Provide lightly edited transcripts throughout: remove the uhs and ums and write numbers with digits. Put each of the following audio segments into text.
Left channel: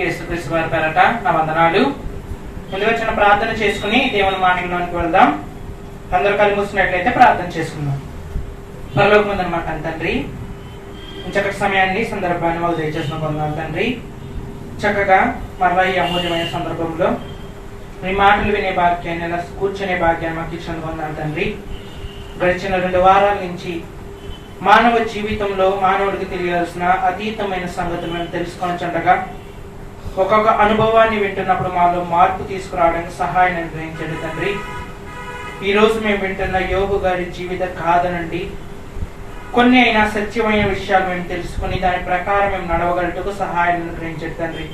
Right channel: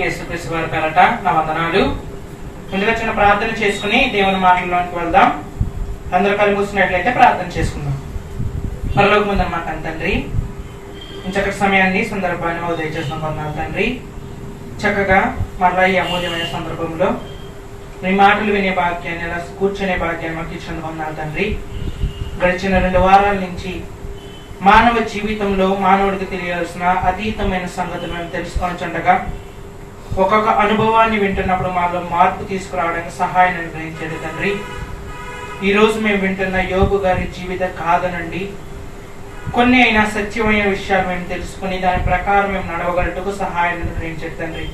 అందరికీ యేసుక్రీస్తు వారి పేరట నా వందనాలు. ముందుగా చిన్న ప్రార్థన చేసుకుని దేవుని మాటల్లోకి వెళ్దాం. అందరూ కళ్ళు మూసినట్లయితే ప్రార్థన చేసుకుందాం. పరలోకమందున మా తండ్రి, చక్కటి సమయాన్ని సందర్భాన్ని మాకు దయచేసిన వందనాలు తండ్రి. చక్కగా మరలా ఈ అమూల్యమైన సందర్భంలో మీ మాటలు వినే భాగ్యాన్ని, అలా కూర్చునే భాగ్యాన్ని మాకు ఇచ్చిన వందనాలు తండ్రి. గడిచిన 2 వారాల నుంచి మానవ జీవితంలో మానవుడికి తెలియాల్సిన అతీతమైన సంగతులు మేము తెలుసుకొనచుండగా ఒక్కొక్క అనుభవాన్ని వింటున్నప్పుడు మాలో మార్పు తీసుకురావడానికి సహాయం అనుగ్రహించండి తండ్రి. ఈ రోజు మేము వింటున్న యోబు గారి జీవిత గాథ నుండి కొన్ని అయినా సత్యమైన విషయాలు మేము తెలుసుకుని దాని ప్రకారం మేము నడవగలటకు సహాయం అనుగ్రహించండి తండ్రి.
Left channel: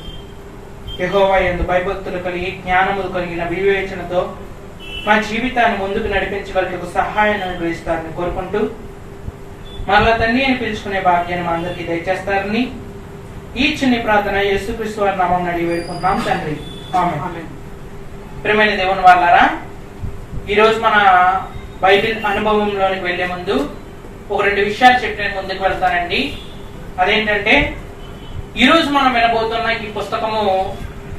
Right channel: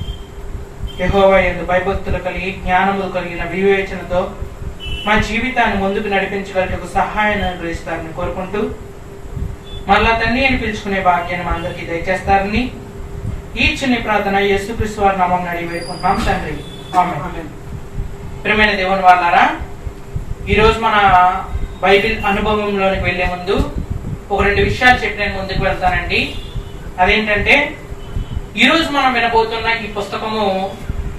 యెహోవా యందు భయభక్తులు కలిగి జ్ఞానములు కలిగిన వివేచనతో మా జీవితాన్ని ముందుకు నడిపించగలటకు సహాయం అనుగ్రహిస్తారని కోరుకుంటూ మరలా తండ్రి అని పిలుచుకునే భాగ్యాన్ని మా అందరికీ దయచేస్తారని ఈ చిన్ని ప్రార్థన యేసుక్రీస్తు వారి నామమున అడిగి వేడుకుంటున్నాం తండ్రి. ఆమేన్. ప్రియమైన దేవుని వాళ్ళారా, ఈరోజు మన బైబిల్ అనుభవంలోనికి వెళ్లే ముందు ఒక 2 విషయాలు చెప్పి నేను ముందుకు వెళ్తానండి. అదేంటంటే, ఈరోజు మనం వినబోతున్న ఈ పుస్తకము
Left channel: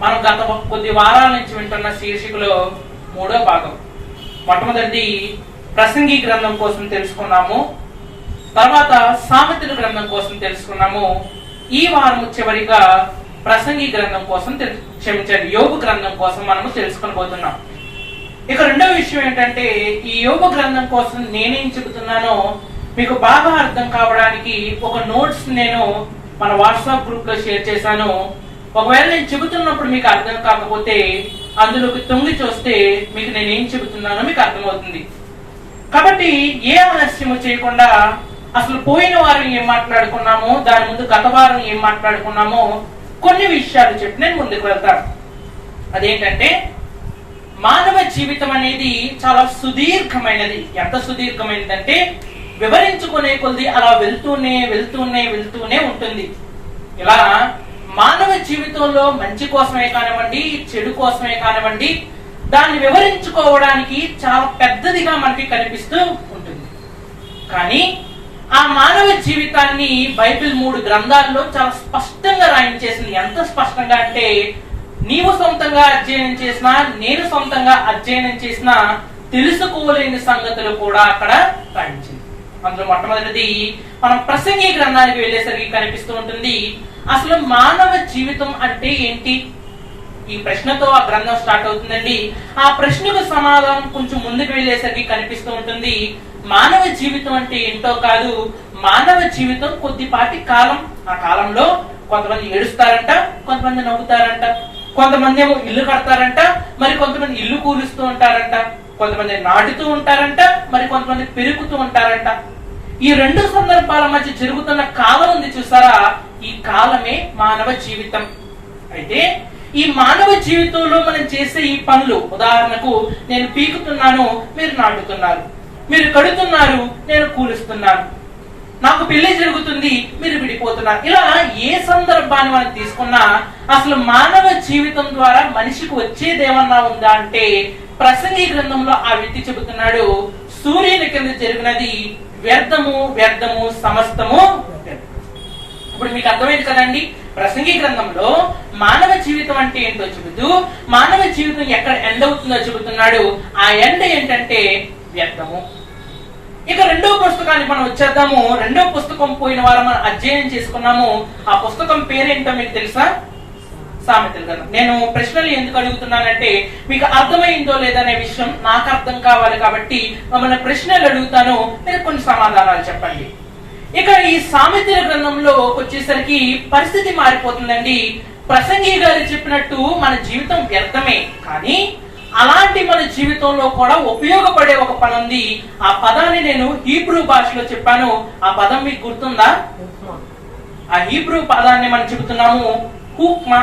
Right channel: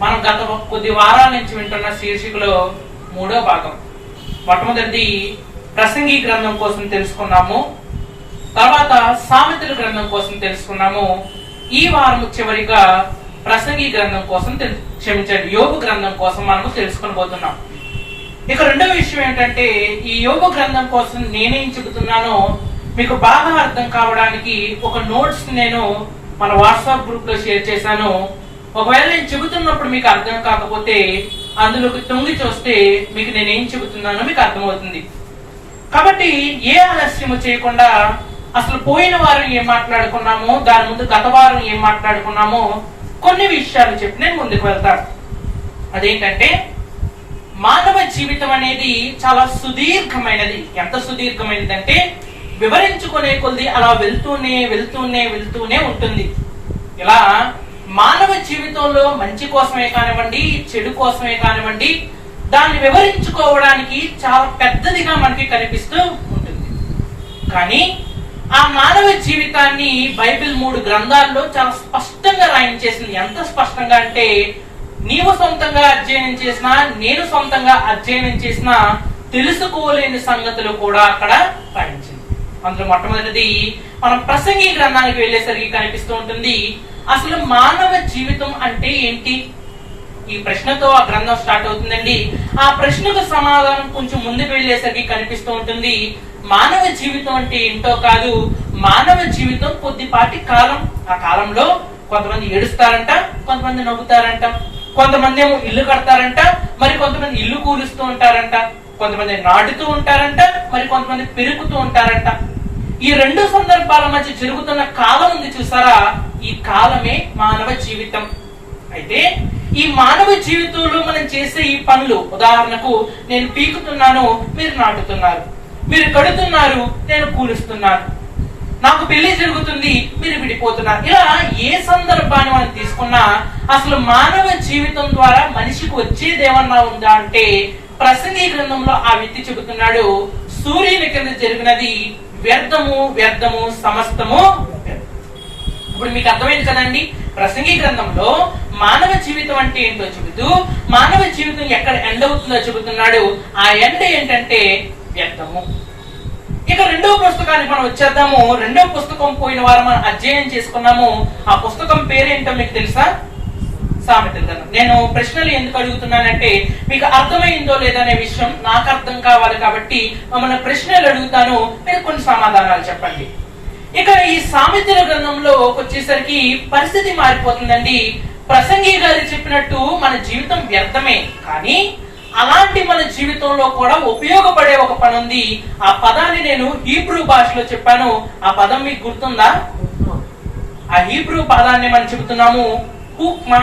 మనం గత కొద్ది వారాల నుంచి వింటున్న శీర్షికలో 3వ భాగం. మొట్టమొదటిది ప్రసంగి గ్రంథం కోసం తెలుసుకున్నాము, తర్వాత సామెతల గ్రంథం కోసం తెలుసుకున్నాము. ఈ వారం చివరిగా ప్రసంగి గ్రంథం కోసం యోబు గ్రంథం కోసం మనము తెలుసుకునబోతున్నాం. ఇక రెండవ విషయం ఏంటంటే, ఈ యోబు గ్రంథం కోసం నేనేం చెబుతున్నానో మీకు బాగా అర్థం కావడానికి ఒక నోట్స్ నేను మన వాట్సాప్ గ్రూప్ లో షేర్ చేశాను. ఒకవేళ నేను చెబుతున్నప్పుడు మీకు అర్థం కాకపోతే అందులోకి తొంగి చూస్తే మీకు నేనేం చెబుతున్నానో మీకు అర్థమవుతుంది. కాబట్టి ఏ ఆలస్యము చేయకుండా అసలు పోయిన వారం ఏం మాట్లాడుకున్నామో, దాని ముందు గత వారం ఏం మాట్లాడుకున్నామో కొన్ని విషయాలు చెప్పి నేను ముందుకు వెళ్తాను. అదేంటంటే, మానవ జీవితం అనేది చాలా సుదీర్ఘమైనది. ఎంత సుదీర్ఘమైనది అంటే వివరించుకునే కొద్ది అలా వెళ్తూనే ఉంటుంది. ఇలా మానవ జీవితంలో మంచి కోసమే కానివ్వండి, చెడు కోసమే కానివ్వండి, దాన్ని వివరించుకోవడానికి చాలా పెద్దదిగా మనకి కనిపిస్తూ ఉంటుంది. కానీ ఆ మానవ జీవితాన్ని బైబిల్ 3 గ్రంథాల్లో చాలా స్పష్టంగా రాయించేసింది. ఎంత స్పష్టంగా అంటే, నీవు సొంతంగా అధ్యయనం చేసినా, నేను సొంతంగా అధ్యయనం చేసినా తెలుసుకోలేని సంగతులు కూడా అక్కడ రాయించింది. అందులో మొట్టమొదటిది మనం ప్రసంగి గ్రంథానికి వెళ్ళేసరికి కనిపిస్తూ ఉంటుంది. అసలు మానవ జీవితం అంటే ఏంటి? ఈ ప్రశ్నతో ఆ గ్రంథం స్టార్ట్ అవుతుందండి. ఆ ప్రశ్నకు సమాధానం కొంచెం ముందుకు వెళ్ళేసరికి కనిపిస్తూ ఉంటుంది. మానవ జీవితం అంటే ఏంటో కాదు, మానవ జీవితం కొద్దిపాటి కాలం. ఆ కాలంలో కొంతమంది ఏడుస్తారంట, కొంతమంది నవ్వుతారంట, కొంతమంది ఏమో ఇల్లు కడతారంట, మరి కొంతమంది ఇల్లు కూలుస్తూ ఉంటారంట, కొంతమంది నాటుతూ ఉంటారంట, మరి కొంతమంది పెరుగుతూ ఉంటారంట. ఈ 2 సందర్భాల మధ్య జరుగుతున్న కాలం ఉంది చూసారా, ఈ కాలమే మానవ జీవితం. అయితే ఈ మానవ జీవితంలో మనం చేసే ఈ పనులు, ఉదాహరణకు నేను పీకుతున్నాను, మీరు నాటుతున్నారు, మీరు కడుతున్నారు, నేను కూలుస్తున్నాను, నాకు పెళ్లి జరుగుతుంది, మీరు విడిపోతున్నారు. ఇలా ఏ సందర్భాన్ని మనం తీసుకున్నా అసలు మానవ జీవితం ద్వారా మనిషికి వచ్చేదేమన్నా ఉందా అంటే, ప్రసంగి గ్రంథంలో ఆ వ్యక్తి చెబుతున్నాడు, సూర్యుని కింద జరిగినది వ్యర్థము సమస్తము. ఇప్పుడు మీకు అర్థమైంది కదండి, ప్రసంగి గ్రంథంలో మానవ జీవితం అంటే ఏంటో చెబుతూ మానవ జీవితం ఎక్కడ ఎండ్ అవుతుందో చెబుతున్నాడు. ఆ ఎండ్ ఏంటంటే వ్యర్థము. ఇక 2వ పుస్తకానికి మనం వచ్చేద్దాము. 2వ పుస్తకం పోయిన వారం మనం అధ్యయనం చేసుకున్నాము. ఆ పుస్తకం పేరేంటో మీకు తెలుసా? సామెతల గ్రంథం. నేను ప్రశ్నలు ఎందుకు అడుగుతున్నానంటే, మీకు అర్థమైందో లేదనే విషయం నాకు అర్థం కావాలి కాబట్టి మమ్మల్ని ప్రశ్నలు అడుగుతాను, మీరు కొన్ని సమాధానాలు చెప్పండి. ఇక ఈ సామెతల గ్రంథంలో వచ్చేసరికి పరిస్థితి మారిపోతుందండి. ప్రసంగి గారు చెప్పినట్టు మన జీవితం వ్యర్థమే, కానీ అలాంటి మన జీవితంలో కూడా ఉపయోగపడే ఒక పదం ఉంది. ఆ పదాన్ని నేను హీబ్రూ భాషలో చెప్పాను. ఆ పదం మీకు గుర్తుందా? ఆ హీబ్రూ పదాన్ని మనం చెబుతున్నాము హుక్మా.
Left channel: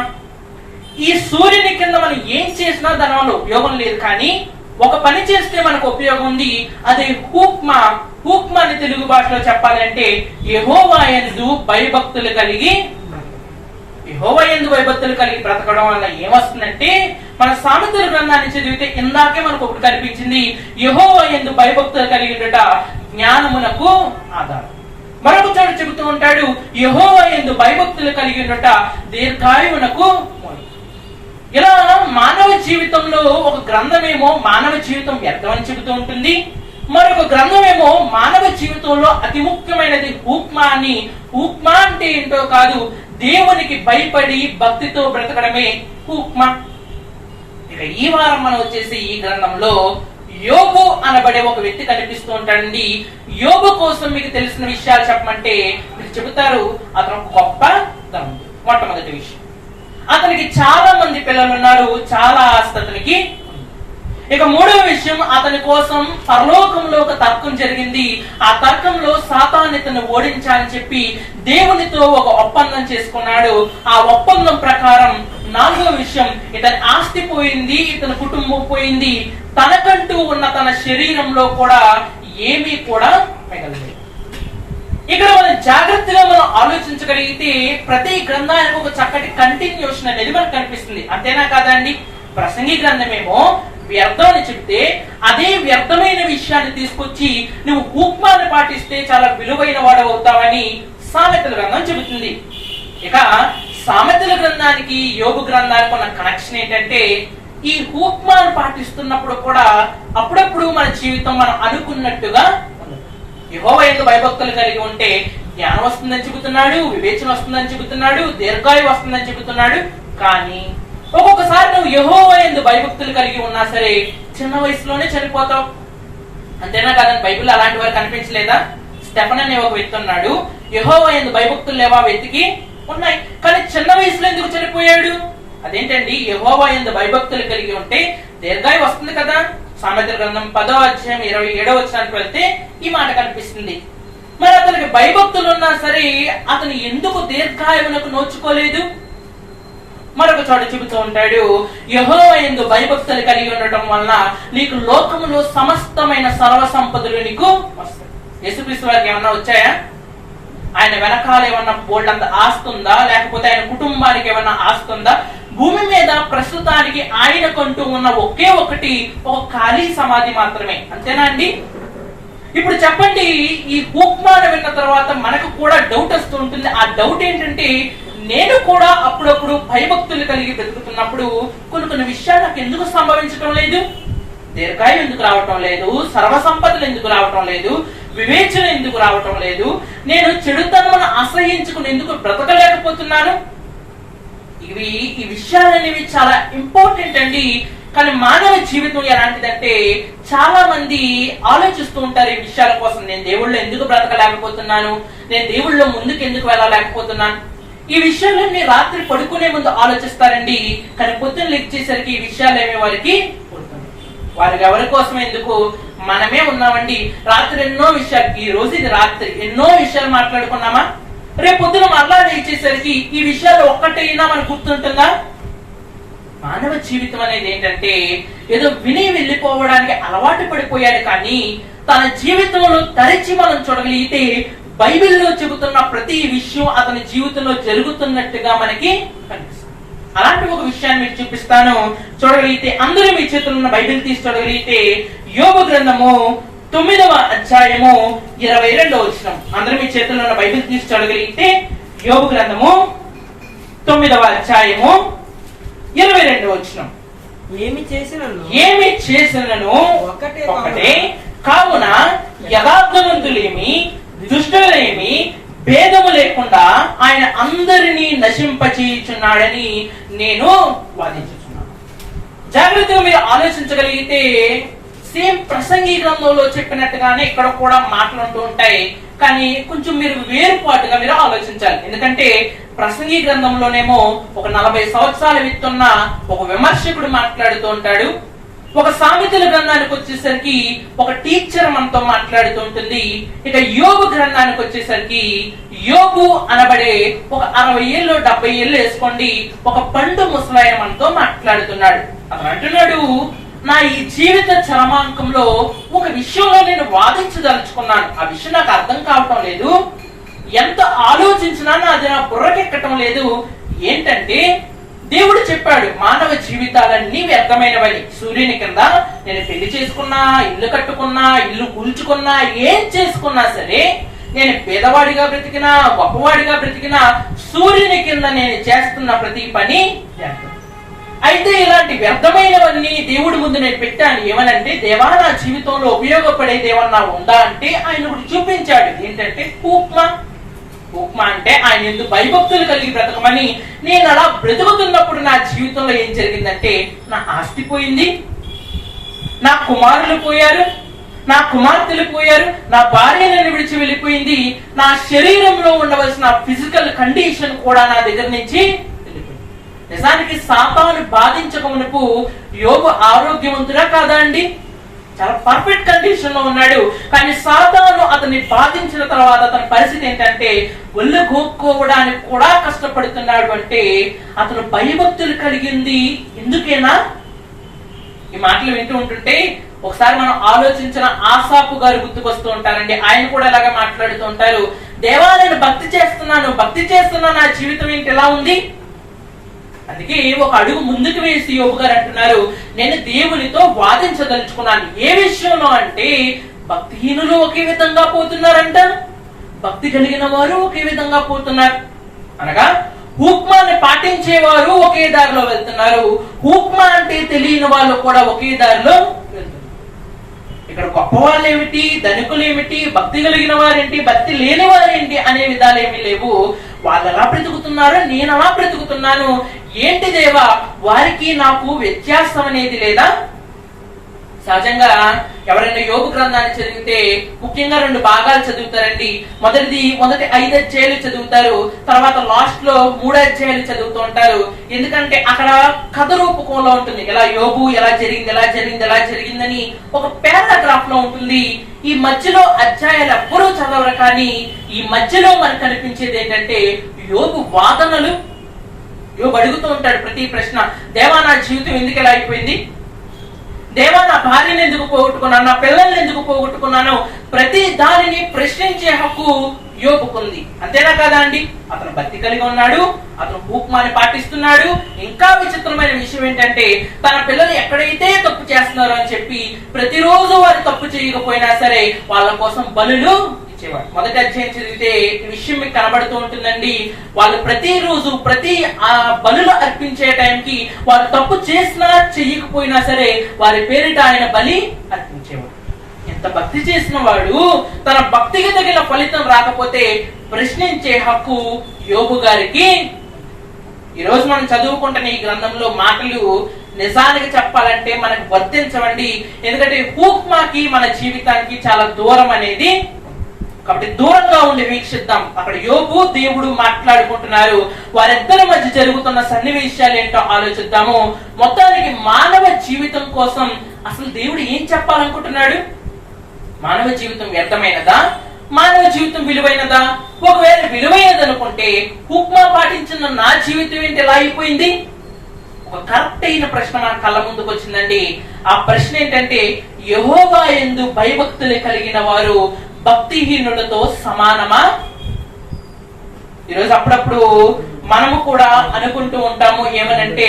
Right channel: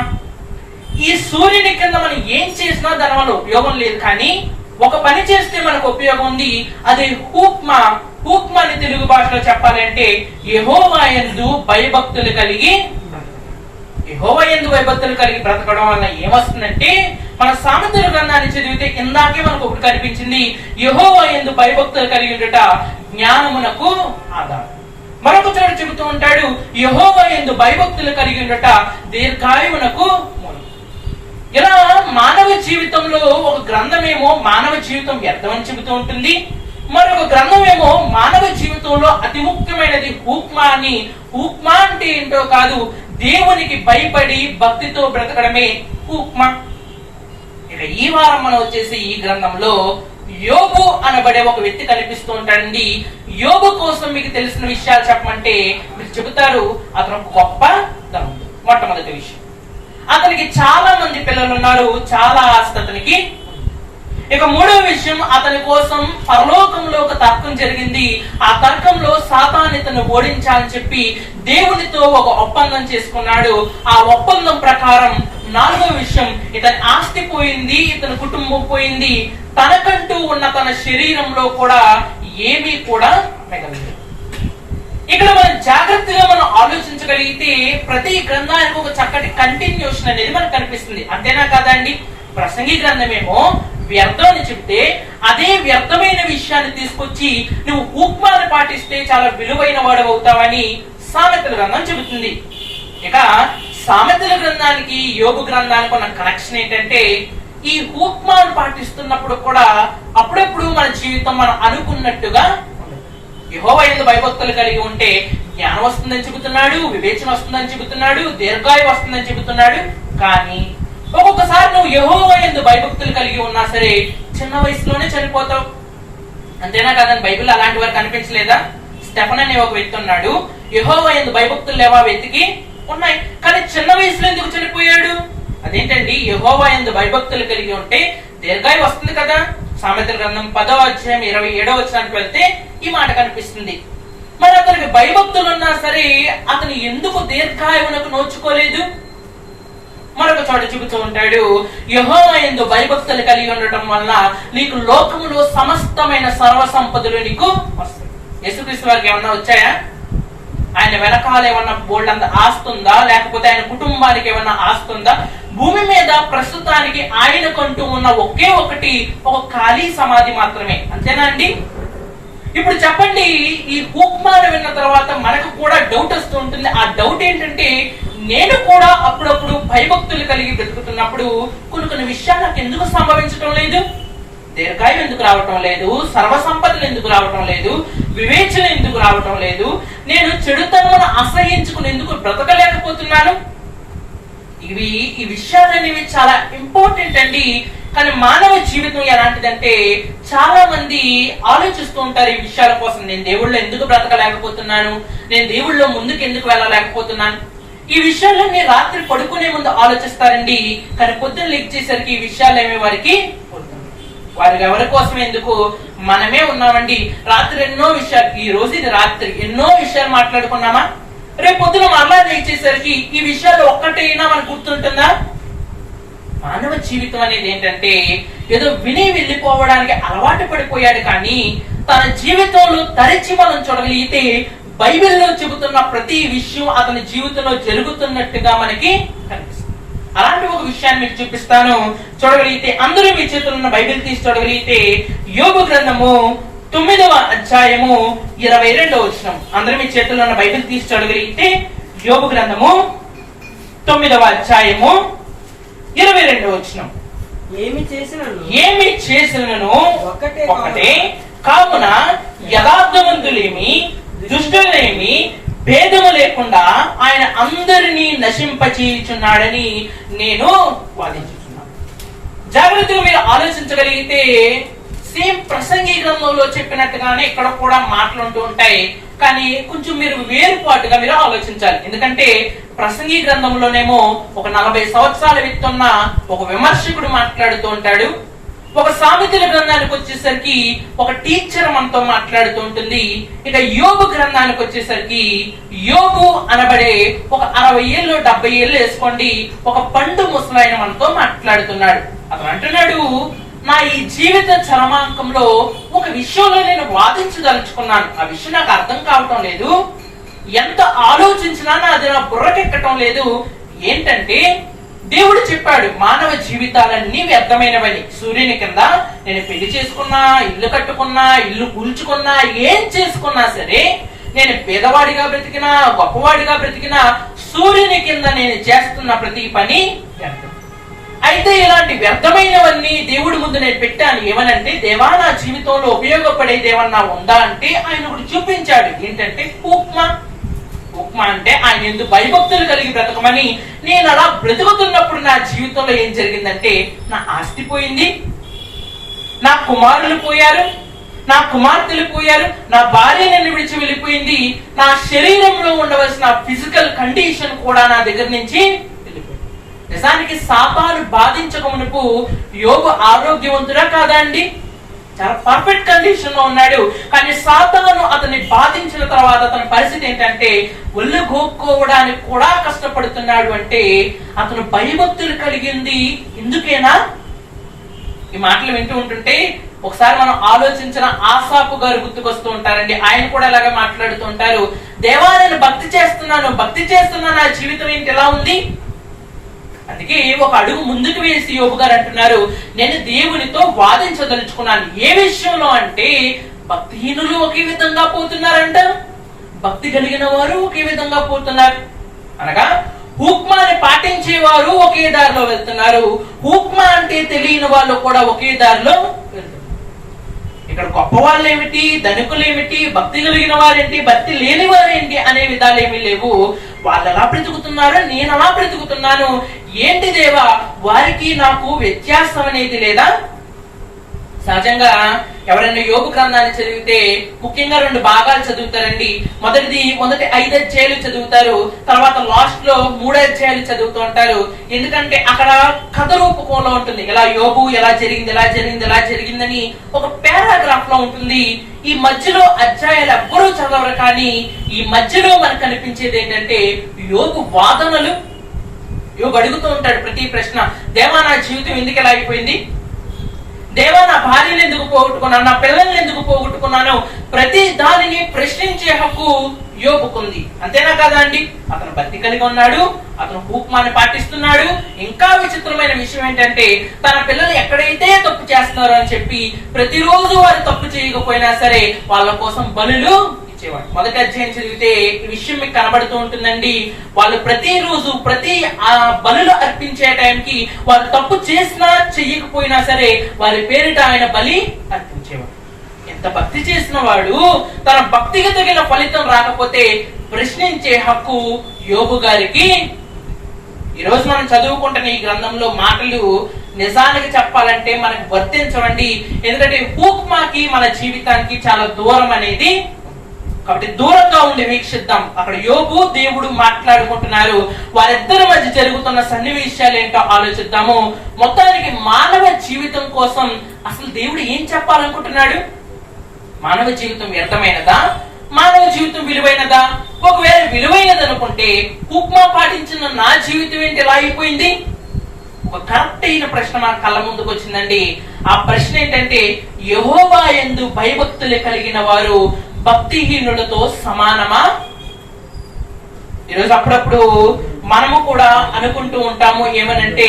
ఈ సూర్యుని కింద మనం ఏం చేసినా దాని వల్ల ఉపయోగం లేదు, కానీ ఒక పని చేస్తే మనకు ఉపయోగం ఉంది. అదే హుక్మా. హుక్మా అని తెలుగు భాషలో చెప్పాలంటే యెహోవా యందు భయభక్తులు కలిగి. యెహోవా యందు భయభక్తులు కలిగి బ్రతకడం వల్ల ఏమొస్తుందంటే, మన సామెతల గ్రంథాన్ని చదివితే ఇందాకే మనకు ఒకటి కనిపించింది, యెహోవా యందు భయభక్తులు కలిగి ఉండుట జ్ఞానమునకు ఆధారం. మరొక చోట చెబుతూ ఉంటాడు, యెహోవా యందు భయభక్తులు కలిగి ఉండుట దీర్ఘాయువునకు ఇలా మానవ జీవితంలో ఒక గ్రంథమేమో మానవ జీవితం వ్యర్థమని చెబుతూ ఉంటుంది, మరొక గ్రంథమేమో మానవ జీవితంలో అతి ముఖ్యమైనది హూక్మా అని. హూక్మా అంటే ఏంటో కాదు, దేవునికి భయపడి భక్తితో బ్రతకడమే హూక్మా. ఇక ఈ వారం మనం వచ్చేసి ఈ గ్రంథంలో యోబు అనబడే ఒక వ్యక్తి కనిపిస్తూ ఉంటాడండి. యోబు కోసం మీకు తెలిసిన విషయాలు చెప్పమంటే మీరు చెబుతారు అతను గొప్ప ధనవంతుడు. మొట్టమొదటి విషయం, అతనికి చాలా మంది పిల్లలు ఉన్నారు, చాలా ఆస్తి అతనికి. ఇక మూడవ విషయం, అతని కోసం పరలోకంలో ఒక తర్కం జరిగింది. ఆ తర్కంలో సాతాను ఇతను ఓడించాలని చెప్పి దేవునితో ఒక ఒప్పందం చేసుకున్నాడు. ఆ ఒప్పందం ప్రకారం నాలుగో విషయం, ఇతని ఆస్తి పోయింది, ఇతని కుటుంబం పోయింది, తనకంటూ ఉన్న తన శరీరంలో కూడా ఏమీ కూడా మిగలలేదు. ఇక్కడ మనం జాగ్రత్తగా మనం ఆలోచించగలిగితే ప్రతి గ్రంథానికి ఒక చక్కటి కంటిన్యూషన్ అనేది మనకు కనిపిస్తుంది. అంతేనా కాదండి? ప్రసంగి గ్రంథమేమో వ్యర్థం అని చెప్తే అదే వ్యర్థమైన విషయాన్ని తీసుకొచ్చి నువ్వు హూక్మాను పాటిస్తే చాలా విలువైన వాడు అవుతావని సామెతల గ్రంథం చెబుతుంది. ఇక సామెతల గ్రంథానికి యోబు గ్రంథానికి ఉన్న కనెక్షన్ ఏంటంటే, ఈ హూక్మాను పాటిస్తున్నప్పుడు కూడా అప్పుడప్పుడు మన జీవితం మనం అనుకున్నట్టుగా యెహోవా యందు భయభక్తులు కలిగి ఉంటే జ్ఞానం వస్తుందని చెబుతున్నాడు, వివేచన వస్తుందని చెబుతున్నాడు, దీర్ఘాయువు వస్తుందని చెబుతున్నాడు. కానీ ఒక్కొక్కసారి నువ్వు యెహోవా యందు భయభక్తులు కలిగి ఉన్నా సరే చిన్న వయసులోనే చనిపోతావు. అంతేనా కాదని బైబిల్ అలాంటి వారు కనిపించలేదా? స్టెఫన్ అనే ఒక వ్యక్తి ఉన్నాడు, యెహోవా యందు భయభక్తులు లేవా వ్యక్తికి? ఉన్నాయి, కానీ చిన్న వయసులో ఎందుకు చనిపోయాడు? అదేంటండి? యెహోవా యందు భయభక్తులు కలిగి ఉంటే దీర్ఘాయువు వస్తుంది కదా. సామెతల గ్రంథం 10వ అధ్యాయం 27వ వచనానికి వెళ్తే ఈ మాట కనిపిస్తుంది. మరి అతనికి భయభక్తులు ఉన్నా సరే అతను ఎందుకు దీర్ఘాయువులకు నోచుకోలేదు? మరొక చోట చెబుతూ ఉంటాడు, యెహోవా యందు భయభక్తులు కలిగి ఉండటం వలన నీకు లోకములో సమస్తమైన సర్వ సంపదలు నీకు వస్తాయి. యేసుక్రీస్తు వారికి ఏమన్నా వచ్చాయా? ఆయన వెనకాల ఏమన్నా బోల్డ్ అంత ఆస్తుందా? లేకపోతే ఆయన కుటుంబానికి ఏమన్నా ఆస్తుందా? భూమి మీద ప్రస్తుతానికి ఆయనకంటూ ఉన్న ఒకే ఒకటి ఒక ఖాళీ సమాధి మాత్రమే. అంతేనా అండి? ఇప్పుడు చెప్పండి, ఈ హూక్మాను విన్న తర్వాత మనకు కూడా డౌట్ వస్తూ ఉంటుంది. ఆ డౌట్ ఏంటంటే, నేను కూడా అప్పుడప్పుడు భయభక్తులు కలిగి బ్రతుకుతున్నప్పుడు కొన్ని విషయాలు నాకు ఎందుకు సంభవించడం లేదు? దీర్ఘాయువు ఎందుకు రావటం లేదు? సర్వసంపదలు ఎందుకు రావటం లేదు? వివేచన ఎందుకు రావటం లేదు? నేను చెడుతనమును అసహించుకుని ఎందుకు బ్రతకలేకపోతున్నాను? ఈ విషయాలనేవి చాలా ఇంపార్టెంట్ అండి. కానీ మానవ జీవితం ఎలాంటిదంటే, చాలా మంది ఆలోచిస్తూ ఉంటారు ఈ విషయాల కోసం. నేను దేవుళ్ళో ఎందుకు బ్రతకలేకపోతున్నాను? నేను దేవుళ్ళో ముందుకు ఎందుకు వెళ్ళలేకపోతున్నాను? ఈ విషయాలన్నీ రాత్రి పడుకునే ముందు ఆలోచిస్తారండి. కానీ పొద్దున్న లెక్చేసరికి ఈ విషయాలు ఏమే వారికి ఎవరి కోసం ఎందుకు? మనమే ఉన్నామండి. రాత్రి ఎన్నో విషయాలు, ఈ రోజు ఇది రాత్రి ఎన్నో విషయాలు మాట్లాడుకున్నామా? రేపు పొద్దున మరలా లేచేసరికి ఈ విషయాలు ఒక్కటైనా మనకు గుర్తుంటుందా? మానవ జీవితం అనేది ఏంటంటే, ఏదో విని వెళ్ళిపోవడానికి అలవాటు పడిపోయాడు. కానీ తన జీవితంలో తరచి మనం చూడగలిగితే బైబిల్లో చెబుతున్న ప్రతి విషయం అతని జీవితంలో జరుగుతున్నట్టుగా మనకి కనిపిస్తుంది. అలాంటి ఒక విషయాన్ని మీకు చూపిస్తాను, చూడగలిగితే. అందరూ మీ చేతుల్లో ఉన్న బైబిల్ తీసి చూడగలిగితే యోబు గ్రంథము 9వ అధ్యాయము 22వ వచనం. అందరూ మీ చేతుల్లో ఉన్న బైబిల్ తీసి చూడగలిగితే యోబు గ్రంథము 9వ అధ్యాయము 22వ వచనం. ఏమి చేసినను ఒకటే, కావున యథార్థవంతులేమి దుష్టులేమి భేదము లేకుండా ఆయన అందరినీ నశింపచేయుచున్నాడని నేను వాదించుచున్నాను. జాగ్రత్తగా మీరు ఆలోచించగలిగితే సేమ్ ప్రసంగి గ్రంథంలో చెప్పినట్టుగానే ఇక్కడ కూడా మాట్లాడుతూ ఉంటాయి. కానీ కొంచెం మీరు వేరుపాటుగా మీరు ఆలోచించాలి. ఎందుకంటే ప్రసంగి గ్రంథంలోనేమో ఒక 40 సంవత్సరాల విత్తున్న ఒక విమర్శకుడు మాట్లాడుతూ ఉంటాడు. ఒక సామెతల గ్రంథానికి వచ్చేసరికి ఒక టీచర్ మనతో మాట్లాడుతూ ఉంటుంది. ఇక యోబు గ్రంథానికి వచ్చేసరికి యోబు అనబడే ఒక 60 ఏళ్ళు 70 ఏళ్ళు వేసుకోండి ఒక పండు ముసలాయన మనతో మాట్లాడుతున్నాడు. అతను అంటున్నాడు, నా ఈ జీవిత చరమాంకంలో ఒక విషయంలో నేను వాదించదలుచుకున్నాను. ఆ విషయం నాకు అర్థం కావటం లేదు, ఎంత ఆలోచించినా అది నా బుర్రకెక్కటం లేదు. ఏంటంటే, దేవుడు చెప్పాడు మానవ జీవితాలన్నీ వ్యర్థమైనవని. సూర్యుని కింద నేను పెళ్లి చేసుకున్నా, ఇల్లు కట్టుకున్నా, ఇల్లు కూల్చుకున్నా, ఏం చేసుకున్నా సరే, నేను పేదవాడిగా బ్రతికినా గొప్పవాడిగా బ్రతికినా సూర్యుని కింద నేను చేస్తున్న ప్రతి పని వ్యర్థం. అయితే ఇలాంటి వ్యర్థమైనవన్నీ దేవుడి ముందు నేను పెట్టాను. ఏమనంటే, దేవా నా జీవితంలో ఉపయోగపడేది ఏమన్నా ఉందా అంటే ఆయన ఒకటి చూపించాడు. ఏంటంటే ఉప్మా అంటే ఆయన ఎందుకు భయభక్తులు కలిగి బ్రతకమని. నేను అలా బ్రతుకుతున్నప్పుడు నా జీవితంలో ఏం జరిగిందంటే, నా ఆస్తి పోయింది, నా కుమారులు పోయారు, నా కుమార్తెలు పోయారు, నా భార్య నన్ను విడిచి వెళ్ళిపోయింది, నా శరీరంలో ఉండవలసిన ఫిజికల్ కండిషన్ కూడా నా దగ్గర నుంచి వెళ్ళిపోయింది. నిజానికి సాతాను బాధించక మునుపు యోబు ఆరోగ్యవంతుడా కాదా అండి? చాలా పర్ఫెక్ట్ కండిషన్ లో ఉన్నాడు. కానీ సాతాను అతన్ని బాధించిన తర్వాత అతని పరిస్థితి ఏంటంటే, ఒళ్ళు గోక్కోవడానికి కూడా కష్టపడుతున్నాడు. అంటే అతను భయభక్తులు కలిగింది ఎందుకేనా? ఈ మాటలు వింటూ ఉంటుంటే ఒకసారి మనం ఆలోచించిన ఆసాపు గారు గుర్తుకొస్తూ ఉంటారండి. ఆయన కూడా ఇలాగా మాట్లాడుతూ ఉంటారు. దేవా నేను భక్తి చేస్తున్నా నా జీవితం ఏంటి ఎలా ఉంది? అందుకే ఒక అడుగు ముందుకు వేసి యోబు గారు అంటున్నారు, నేను దేవునితో వాదించదలుచుకున్నాను. ఏ విషయంలో అంటే, భక్తిహీనులు ఒకే విధంగా పోతున్నారంట, భక్తి కలిగిన వారు ఒకే విధంగా పోతున్నారు. అనగా హూక్మాని పాటించేవారు ఒకే దారిలో వెళ్తున్నారు, హూక్మా అంటే తెలియని వాళ్ళు కూడా ఒకే దారిలో వెళ్తున్నారు. ఇక్కడ గొప్ప వాళ్ళు ఏమిటి, ధనికులు ఏమిటి, భక్తి కలిగిన వారేంటి, భక్తి లేని వారేంటి అనే విధాలు ఏమీ లేవు. వాళ్ళు ఎలా బ్రతుకుతున్నారు, నేను అలా బ్రతుకుతున్నాను. ఏంటి దేవా, వారికి నాకు వ్యత్యాసం అనేది లేదా? సహజంగా ఎవరైనా యోబు గ్రంథాన్ని చదివితే ముఖ్యంగా 2 భాగాలు చదువుతారండి. మొదటి 5 అధ్యాయాలు చదువుతారు, తర్వాత లాస్ట్ లో 3 అధ్యాయాలు చదువుతూ ఉంటారు. ఎందుకంటే అక్కడ కథ రూపకంలో ఉంటుంది. ఇలా యోబు ఎలా జరిగిందని ఒక పారాగ్రాఫ్ లో ఉంటుంది. ఈ మధ్యలో అధ్యాయాలు ఎవ్వరూ చదవరు. కానీ ఈ మధ్యలో మనకు కనిపించేది ఏంటంటే యోబు వాదనలు. యోబు అడుగుతూ ఉంటాడు ప్రతి ప్రశ్న. దేవా నా జీవితం ఎందుకు ఎలా అయిపోయింది? దేవా నా భార్యను ఎందుకు పోగొట్టుకున్నాను, నా పిల్లల్ని ఎందుకు పోగొట్టుకున్నాను? ప్రతి దానిని ప్రశ్నించే హక్కు యోబుకుంది. అంతేనా కాదా అండి? అతను భక్తి కలిగి ఉన్నాడు, అతను హూక్మాన్ని పాటిస్తున్నాడు. ఇంకా విచిత్రమైన విషయం ఏంటంటే, తన పిల్లలు ఎక్కడైతే తప్పు చేస్తున్నారో అని చెప్పి ప్రతిరోజు వారు తప్పు చేయకపోయినా సరే వాళ్ళ కోసం బలులు ఇచ్చేవాడు. మొదటి అధ్యాయం చదివితే ఈ విషయం మీకు కనబడుతూ ఉంటుందండి. వాళ్ళు ప్రతిరోజు బలులు అర్పించే టైంకి వారు తప్పు చేసినా చెయ్యకపోయినా సరే వారి పేరిట ఆయన బలి అర్పించేవాడు. ఎంత భక్తి చేసిన వాడు తన భక్తికి తగిన ఫలితం రాకపోతే ప్రశ్నించే హక్కు యోబు గారికి. ఈ రోజు మనం చదువుకుంటున్న ఈ గ్రంథంలో మాటలు నిజానికి చెప్పాలంటే మనకు వర్తించవండి. ఎందుకంటే హూక్మాకి మన జీవితానికి చాలా దూరం అనేది. కాబట్టి దూరంగా ఉండి వీక్షిద్దాం. అక్కడ యోబు దేవుడు మాట్లాడుకుంటున్నారు. వారిద్దరి మధ్య జరుగుతున్న సన్నివేశాలు ఏంటో ఆలోచిద్దాము. మొత్తానికి మానవ జీవితం కోసం అసలు దేవుడు ఏం చెప్పాలనుకుంటున్నాడు? మానవ జీవితం వ్యర్థమైనదా, మానవ జీవితం విలువైనదా? ఒకవేళ విలువైనది అనుకుంటే హూక్మా పాటించిన నా జీవితం ఏంటి ఎలా అయిపోయింది? ఒక కరెక్ట్ అయిన ప్రశ్న మన కళ్ళ ముందుకు వచ్చిందండి. ఆ ప్రశ్న ఏంటంటే, యెహోవా యందు భయభక్తులు కలిగిన వారు భక్తిహీనులతో సమానమా? ఈరోజు అప్పుడప్పుడు మనము కూడా అనుకుంటూ ఉంటాము ఏమనంటే,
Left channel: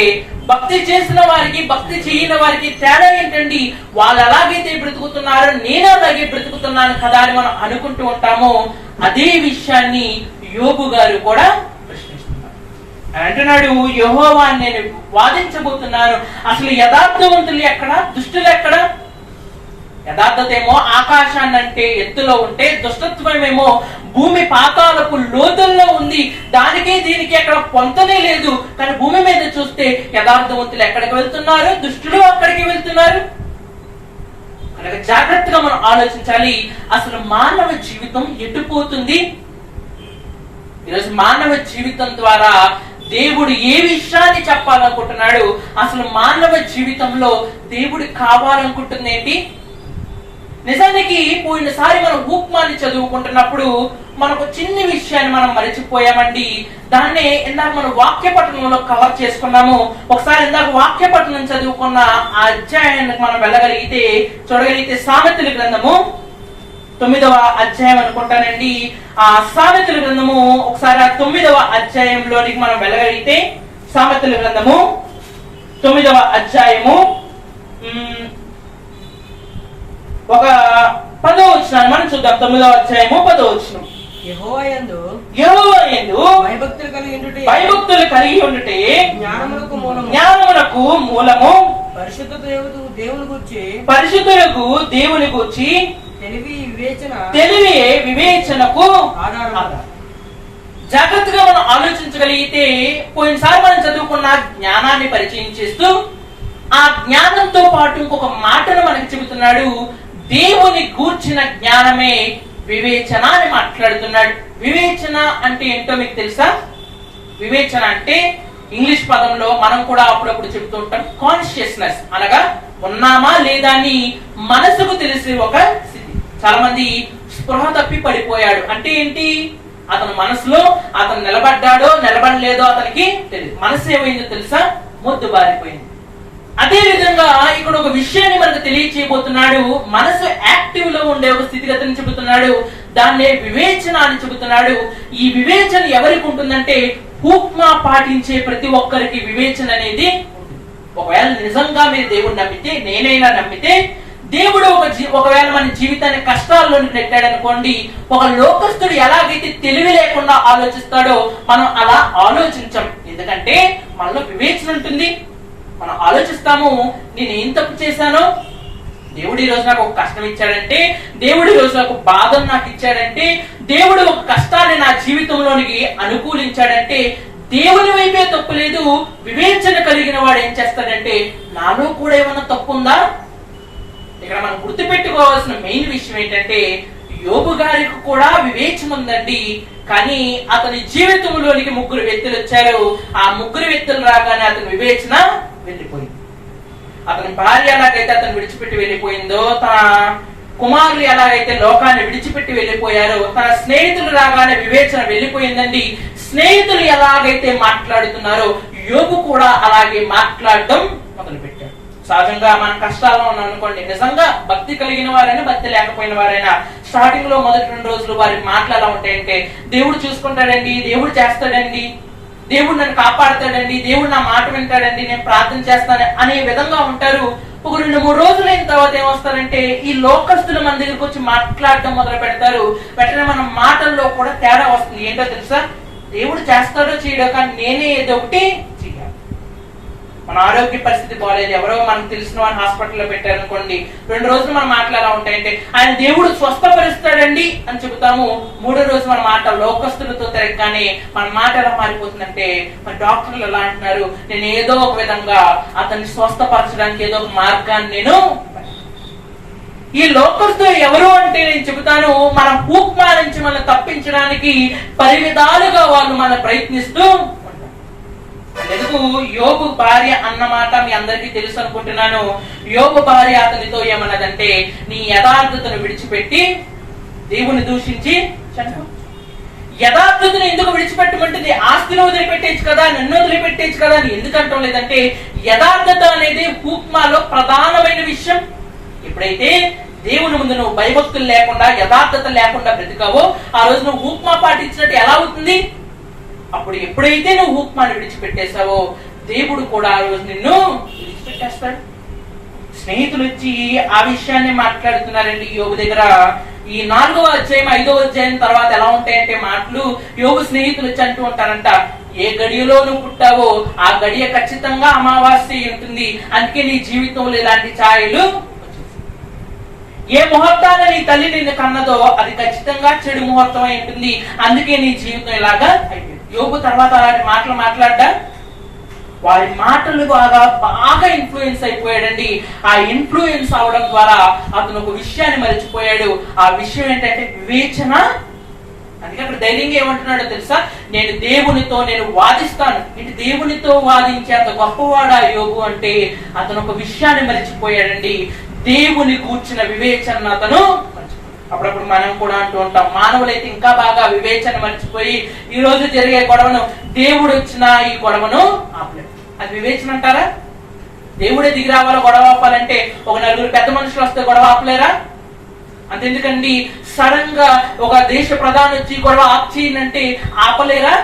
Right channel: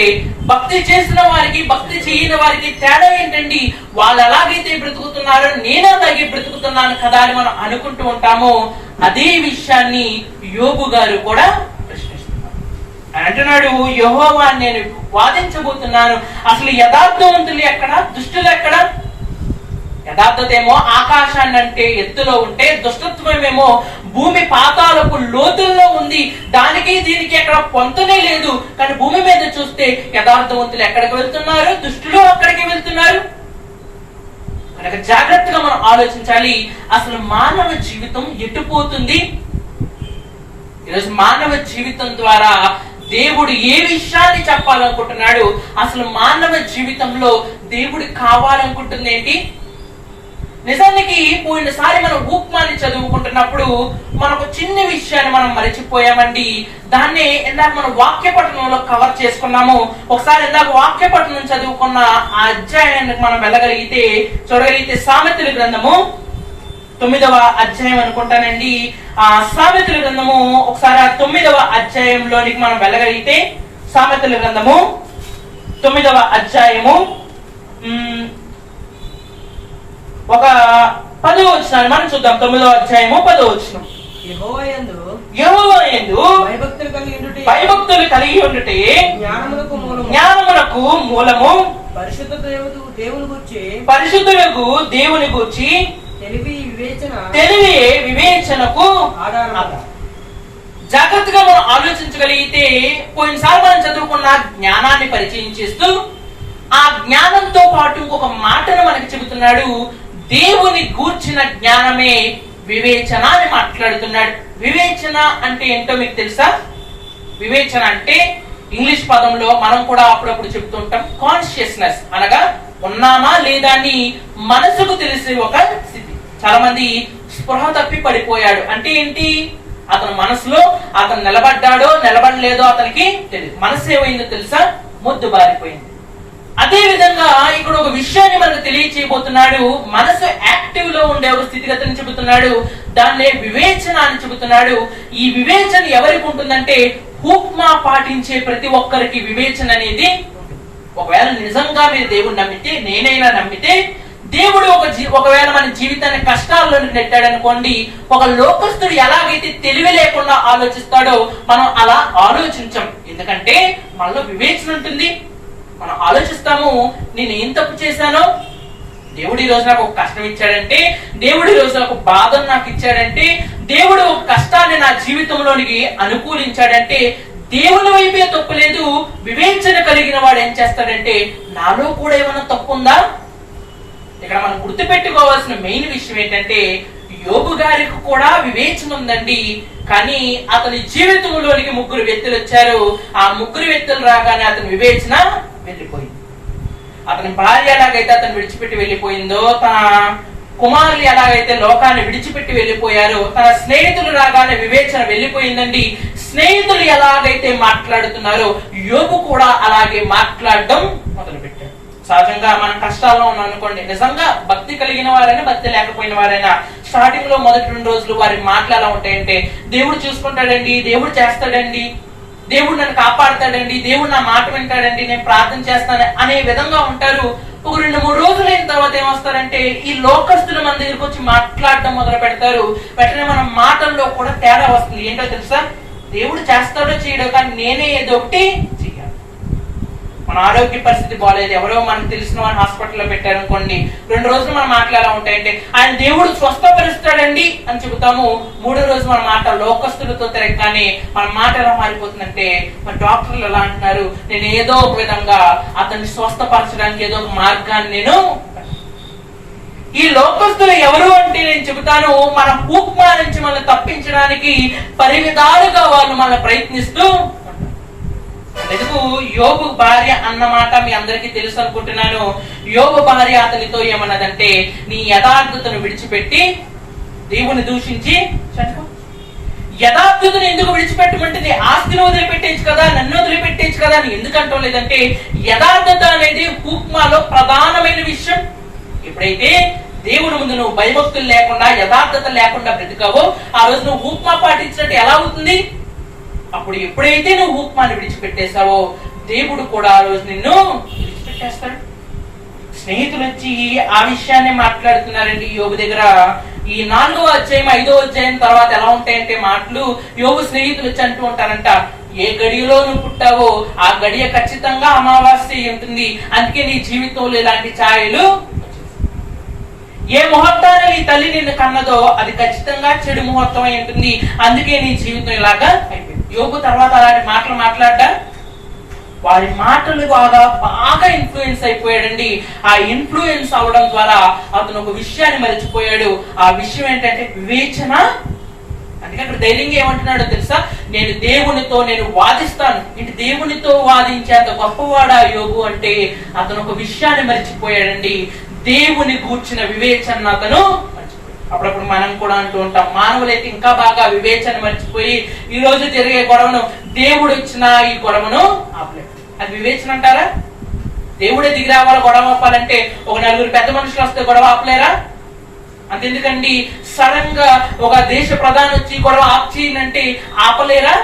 భక్తి చేసిన వారికి భక్తి చేయని వారికి తేడా ఏంటండి? వాళ్ళు ఎలాగైతే బ్రతుకుతున్నారో నేను అలాగే బ్రతుకుతున్నాను కదా అని మనం అనుకుంటూ ఉంటాము. అదే విషయాన్ని యోబు గారు కూడా ప్రశ్నిస్తున్నారు. అంటున్నాడు, యెహోవా నేను వాదించబోతున్నాను. అసలు యథార్థవంతులు ఎక్కడ, దుష్టులు ఎక్కడ? యథార్థత ఏమో ఆకాశాన్ని అంటే ఎత్తులో ఉంటే, దుష్టత్వమేమో భూమి పాతాలపు లోతుల్లో ఉంది. దానికి దీనికి ఎక్కడ పొంతనే లేదు. కానీ భూమి మీద చూస్తే యథార్థవంతులు ఎక్కడికి వెళ్తున్నారు, దుష్టులు అక్కడికి వెళ్తున్నారు. కనుక జాగ్రత్తగా మనం ఆలోచించాలి. అసలు మానవ జీవితం ఎటుపోతుంది? ఈరోజు మానవ జీవితం ద్వారా దేవుడు ఏ విషయాన్ని చెప్పాలనుకుంటున్నాడు? అసలు మానవ జీవితంలో దేవుడు కావాలనుకుంటుంది ఏంటి? నిజానికి పోయినసారి మనం హూక్మాన్ని చదువుకుంటున్నప్పుడు మనకు చిన్న విషయాన్ని మనం మరచిపోయామండి. దాన్నే ఇందాక మనం వాక్య పఠనంలో కవర్ చేసుకున్నాము. ఒకసారి ఇందాక వాక్య పఠనం చదువుకున్న ఆ అధ్యాయానికి మనం వెళ్ళగలిగితే చూడగలిగితే సామెతల గ్రంథము 9వ అధ్యాయం అనుకుంటానండి. ఆ సామెతల గ్రంథము ఒకసారి ఆ 9వ అధ్యాయంలోనికి మనం వెళ్ళగలిగితే, సామెతల గ్రంథము 9వ అధ్యాయము ఒక 10వ వచనాన్ని మనం చూద్దాం. 9వ అధ్యాయము 10వ వచనం. యెహోవా యందు భయభక్తులు కలిగి ఉండుటే జ్ఞానమునకు మూలము. పరిశుద్ధులకు దేవుని గూర్చి తెలివి వివేచనకు ఆధారం. జాగ్రత్తగా మనం ఆలోచించగలిగితే పోయినసారి మనం చదువుకున్న జ్ఞానాన్ని పరిచయం చేస్తూ ఆ జ్ఞానంతో పాటు ఇంకొక మాటను మనకు చెబుతున్నాడు. దేవుని గూర్చిన జ్ఞానమే వివేచన అని మాట్లాడుతున్నాడు. వివేచన అంటే ఏంటో మీకు తెలుసా? వివేచన అంటే ఇంగ్లీష్ పదంలో మనం కూడా అప్పుడప్పుడు చెబుతూ ఉంటాం కాన్షియస్నెస్, అనగా ఉన్నామా లేదా అని మనసుకు తెలిసి ఒక స్థితి. చాలా మంది స్పృహ తప్పి పడిపోయాడు అంటే ఏంటి? అతను మనసులో అతను నిలబడ్డాడో నిలబడలేదో అతనికి తెలియదు. మనసు ఏమైందో తెలుసా? మొద్దు బారిపోయింది. అదే విధంగా ఇక్కడ ఒక విషయాన్ని మనకు తెలియచేయబోతున్నాడు. మనసు యాక్టివ్ లో ఉండే ఒక స్థితిగతిని చెబుతున్నాడు. దాన్నే వివేచన అని చెబుతున్నాడు. ఈ వివేచన ఎవరికి ఉంటుందంటే హూక్మా పాటించే ప్రతి ఒక్కరికి వివేచన అనేది. ఒకవేళ నిజంగా మీరు దేవుడిని నమ్మితే, నేనైనా నమ్మితే, దేవుడు ఒకవేళ మన జీవితాన్ని కష్టాల్లోనికి నెట్టాడు అనుకోండి, ఒక లోకస్తుడు ఎలాగైతే తెలివి లేకుండా ఆలోచిస్తాడో మనం అలా ఆలోచించాం. ఎందుకంటే మనలో వివేచన ఉంటుంది. మనం ఆలోచిస్తాము, నేను ఏం తప్పు చేశానో, దేవుడు ఈ రోజు నాకు ఒక కష్టం ఇచ్చాడంటే, దేవుడు ఈ రోజు నాకు బాధను నాకు ఇచ్చాడంటే, దేవుడు ఒక కష్టాన్ని నా జీవితంలోనికి అనుకూలించాడంటే దేవుని వైపే తప్పు లేదు. వివేచన కలిగిన వాడు ఏం చేస్తాడంటే నాలో కూడా ఏమైనా తప్పు ఉందా? ఇక్కడ మనం గుర్తుపెట్టుకోవాల్సిన మెయిన్ విషయం ఏంటంటే యోబు గారికి కూడా వివేచన ఉందండి. కానీ అతని జీవితంలోనికి 3 వ్యక్తులు వచ్చారు. ఆ 3 వ్యక్తులు రాగానే అతని వివేచన వెళ్ళిపోయింది. అతని భార్య ఎలాగైతే అతను విడిచిపెట్టి వెళ్ళిపోయిందో, తన కుమారులు ఎలాగైతే లోకాన్ని విడిచిపెట్టి వెళ్ళిపోయారో, తన స్నేహితులు రాగానే వివేచన వెళ్ళిపోయిందండి. స్నేహితులు ఎలాగైతే మాట్లాడుతున్నారో యోబు కూడా అలాగే మాట్లాడడం మొదలు పెట్టారు. సహజంగా మనం కష్టాల్లో ఉన్నాం అనుకోండి, నిజంగా భక్తి కలిగిన వారైనా భక్తి లేకపోయిన వారైనా స్టార్టింగ్ లో మొదటి 2 రోజులు వారి మాటలు ఎలా ఉంటాయంటే దేవుడు చూసుకుంటాడండి, దేవుడు చేస్తాడండి, దేవుడు నన్ను కాపాడుతాడండి, దేవుడు నా మాట వింటాడండి, నేను ప్రార్థన చేస్తాను అనే విధంగా ఉంటారు. ఒక 2-3 రోజులు అయిన తర్వాత ఏమొస్తారంటే ఈ లోకస్తులు మన దగ్గరికి వచ్చి మాట్లాడటం మొదలు పెడతారు. వెంటనే మన మాటల్లో కూడా తేడా వస్తుంది. ఏంటో తెలుసా? దేవుడు చేస్తాడో చేయడో, కానీ నేనే ఏదో ఒకటి చేయాలి. మన ఆరోగ్య పరిస్థితి బాగాలేదు, ఎవరో మనకు తెలిసిన వాడిని హాస్పిటల్లో పెట్టారు అనుకోండి, 2 రోజులు మన మాటలు ఎలా ఉంటాయంటే ఆయన దేవుడు స్వస్థపరుస్తాడండి అని చెబుతాము. 3వ రోజు మన మాట లోకస్తులతో తిరగగానే మన మాట ఎలా మారిపోతుందంటే మన డాక్టర్లు ఎలా అంటున్నారు, నేను ఏదో ఒక విధంగా అతన్ని స్వస్థపరచడానికి ఏదో ఒక మార్గాన్ని నేను. ఈ లోకస్తులు ఎవరు అంటే నేను చెబుతాను, మన హూక్మా నుంచి మనం తప్పించడానికి పరివిధాలుగా వాళ్ళు మనం ప్రయత్నిస్తూ. ఎందుకు యోబు భార్య అన్నమాట మీ అందరికీ తెలుసు అనుకుంటున్నాను. యోబు భార్య అతనితో ఏమన్నదంటే నీ యథార్థతను విడిచిపెట్టి దేవుని దూషించి చంపు. యథార్థతను ఎందుకు విడిచిపెట్టమంటుంది? ఆస్తిని వదిలిపెట్టేచ్చు కదా, నన్ను వదిలిపెట్టేచ్చు కదా అని ఎందుకంటాం లేదంటే యథార్థత అనేది హూక్మాలో ప్రధానమైన విషయం. ఎప్పుడైతే దేవుని ముందు నువ్వు భయభక్తులు లేకుండా యథార్థత లేకుండా బ్రతికావో ఆ రోజు నువ్వు హూక్మా పాటించినట్టు ఎలా అవుతుంది? అప్పుడు ఎప్పుడైతే నువ్వు హూక్మాని విడిచిపెట్టేశావో దేవుడు కూడా ఆ రోజు నిన్ను విడిచిపెట్టేస్తాడు. స్నేహితులు వచ్చి ఆ విషయాన్ని మాట్లాడుతున్నారండి యోబు దగ్గర. ఈ 4వ అధ్యాయం 5వ అధ్యాయం తర్వాత ఎలా ఉంటాయంటే మాటలు, యోబు స్నేహితులు వచ్చి అంటూ ఉంటారంట, ఏ గడియలో నువ్వు పుట్టావో ఆ గడియ ఖచ్చితంగా అమావాస్య ఉంటుంది, అందుకే నీ జీవితంలో ఇలాంటి ఛాయలు. ఏ ముహూర్తాన నీ తల్లి నిన్ను కన్నదో అది ఖచ్చితంగా చెడు ముహూర్తం అయి ఉంటుంది, అందుకే నీ జీవితం ఇలాగా అయిపోయింది. యోబు తర్వాత అలాంటి మాటలు మాట్లాడ్డా వారి మాటలు బాగా ఇన్ఫ్లుయెన్స్ అయిపోయాడండి. ఆ ఇన్ఫ్లుయెన్స్ అవడం ద్వారా అతను ఒక విషయాన్ని మర్చిపోయాడు. ఆ విషయం ఏంటంటే వివేచన. అందుకే అక్కడ ధైర్యంగా ఏమంటున్నాడో తెలుసా? నేను దేవునితో నేను వాదిస్తాను. ఇంటి దేవునితో వాదించేంత గొప్పవాడా యోబు అంటే అతను ఒక విషయాన్ని మర్చిపోయాడండి, దేవుని గూర్చిన వివేచన అతను. అప్పుడప్పుడు మనం కూడా అంటూ ఉంటాం, మానవులైతే ఇంకా బాగా వివేచన మర్చిపోయి ఈ రోజు జరిగే గొడవను దేవుడు వచ్చిన ఈ గొడవను ఆపలేదు. అది వివేచన అంటారా? దేవుడే దిగి రావాలి గొడవ ఆపాలంటే ఒక 4 పెద్ద మనుషులు వస్తే గొడవ ఆపలేరా? అంతెందుకండి సడన్ గా ఒక దేశ ప్రధాని వచ్చి గొడవ ఆప్ చేయాలంటే ఆపలేరా?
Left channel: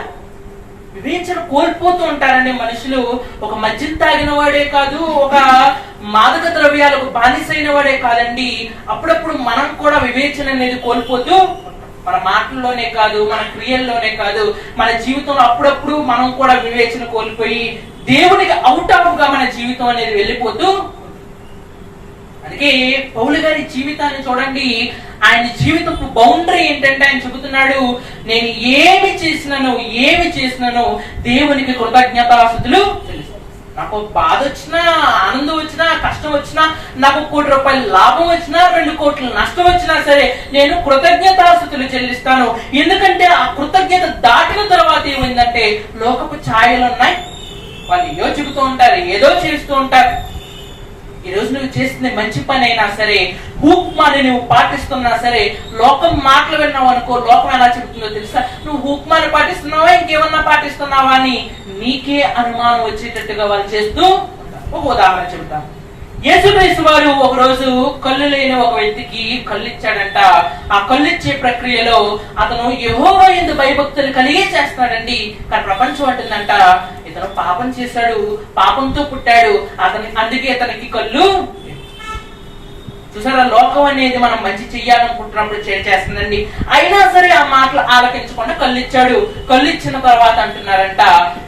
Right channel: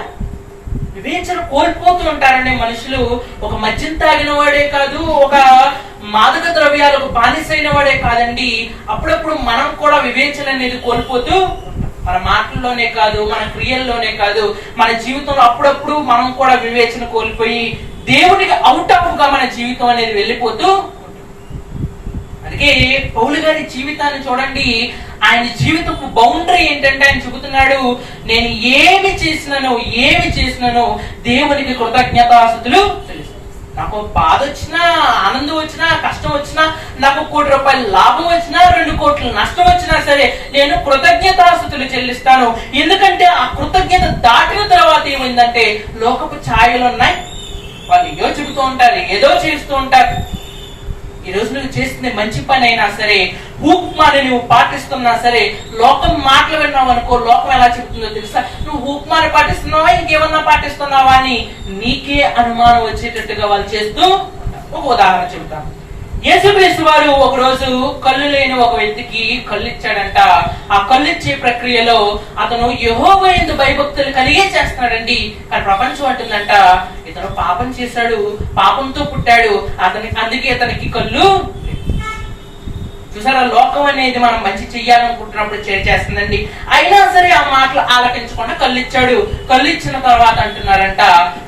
వివేచన కోల్పోతూ ఉంటారండి మనుషులు. ఒక మద్యం తాగిన వాడే కాదు, ఒక మాదక ద్రవ్యాలకు బానిసైన వాడే కాదండి, అప్పుడప్పుడు మనం కూడా వివేచన అనేది కోల్పోతూ. మన మాటల్లోనే కాదు, మన క్రియల్లోనే కాదు, మన జీవితంలో అప్పుడప్పుడు మనం కూడా వివేచన కోల్పోయి దేవునికి అవుట్ ఆఫ్ గా మన జీవితం అనేది వెళ్ళిపోతూ. అందుకే పౌలు గారి జీవితాన్ని చూడండి. ఆయన జీవితపు బౌండరీ ఏంటంటే ఆయన చెబుతున్నాడు, నేను ఏమి చేసినాను దేవునికి కృతజ్ఞతాస్తుతులు తెలుసు. నాకు బాధ వచ్చినా, ఆనందం వచ్చినా, కష్టం వచ్చినా, నాకు 1 కోటి రూపాయల లాభం వచ్చినా, 2 కోట్ల నష్టం వచ్చినా సరే నేను కృతజ్ఞతాస్తుతులు చెల్లిస్తాను. ఎందుకంటే ఆ కృతజ్ఞత దాటిన తర్వాత ఏమైందంటే లోకపు ఛాయలు ఉన్నాయి. వాళ్ళు ఏదో చెబుతూ ఉంటారు, ఏదో చేస్తూ ఉంటారు. ఈ రోజు నువ్వు చేసిన మంచి పని అయినా సరే, హూక్మాని నువ్వు పాటిస్తున్నా సరే, లోకం మాటలు విన్నావు అనుకో, లోకం ఎలా చెబుతుందో తెలుసా? నువ్వు హూక్మాని పాటిస్తున్నావా, ఇంకేమన్నా పాటిస్తున్నావా అని నీకే అనుమానం వచ్చేటట్టుగా వాళ్ళు చేస్తూ. ఒక ఉదాహరణ చెబుతాను. యేసుక్రీస్తు వారు ఒక రోజు కళ్ళు లేని ఒక వ్యక్తికి కళ్ళు ఇచ్చాడంట. ఆ కళ్ళు ఇచ్చే ప్రక్రియలో అతను యెహోవా యందు భయభక్తులు కలిగే చేస్తున్నాడండి. కానీ ప్రపంచం అంటుందంట ఇతను పాపం చేశాడు, పాపంతో పుట్టాడు, అందుకే ఇతనికి కళ్ళు. చూసారా, లోకం అనేది మనం మంచి చెయ్యాలనుకుంటున్నప్పుడు చేస్తుందండి. అయినా సరే ఆ మాటలు ఆలకించకుండా కళ్ళు ఇచ్చాడు. కళ్ళు ఇచ్చిన తర్వాత అంటున్నారంట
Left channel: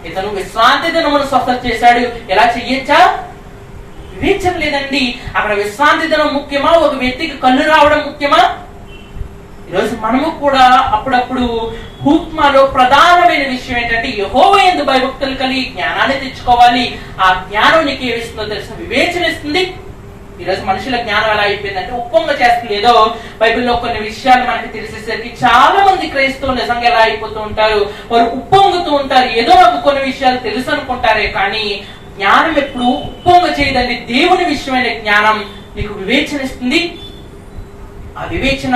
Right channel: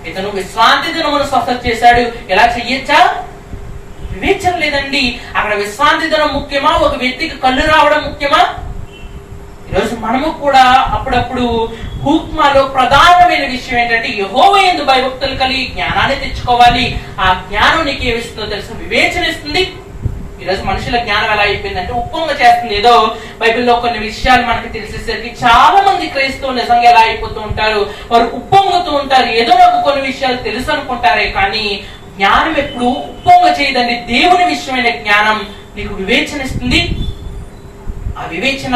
ఇతను విశ్రాంతి దినమును స్వస్థత చేశాడు. ఎలా చెయ్యొచ్చా? వివేచన లేదండి. అక్కడ విశ్రాంతి దినం ముఖ్యమా, ఒక వ్యక్తికి కళ్ళు రావడం ముఖ్యమా? ఈరోజు మనము కూడా అప్పుడప్పుడు హూక్మాలో ప్రధానమైన విషయం ఏంటంటే యెహోవా యందు భయభక్తులు కలిగి జ్ఞానాన్ని తెచ్చుకోవాలి. ఆ జ్ఞానం నీకు ఏమిస్తుందో తెలుసా? వివేచన ఇస్తుంది. ఈరోజు మనుషుల జ్ఞానం ఎలా అయిపోయిందంటే ఉప్పొంగ చేస్తుంది. ఏదో బైబిల్లో కొన్ని విషయాలు మనకి తెలిసేసరికి చాలా మంది క్రైస్తవులు నిజంగా ఎలా అయిపోతూ ఉంటారు, వారు ఉప్పొంగుతూ ఉంటారు. ఏదో నాకు కొన్ని విషయాలు తెలుసు అనుకుంటారే, కానీ జ్ఞానం ఎప్పుడు ఉప్పొంగ చేయదండి. దేవుని విషయమైన జ్ఞానం నీకు వివేచన ఇస్తుంది. ఆ వివేచన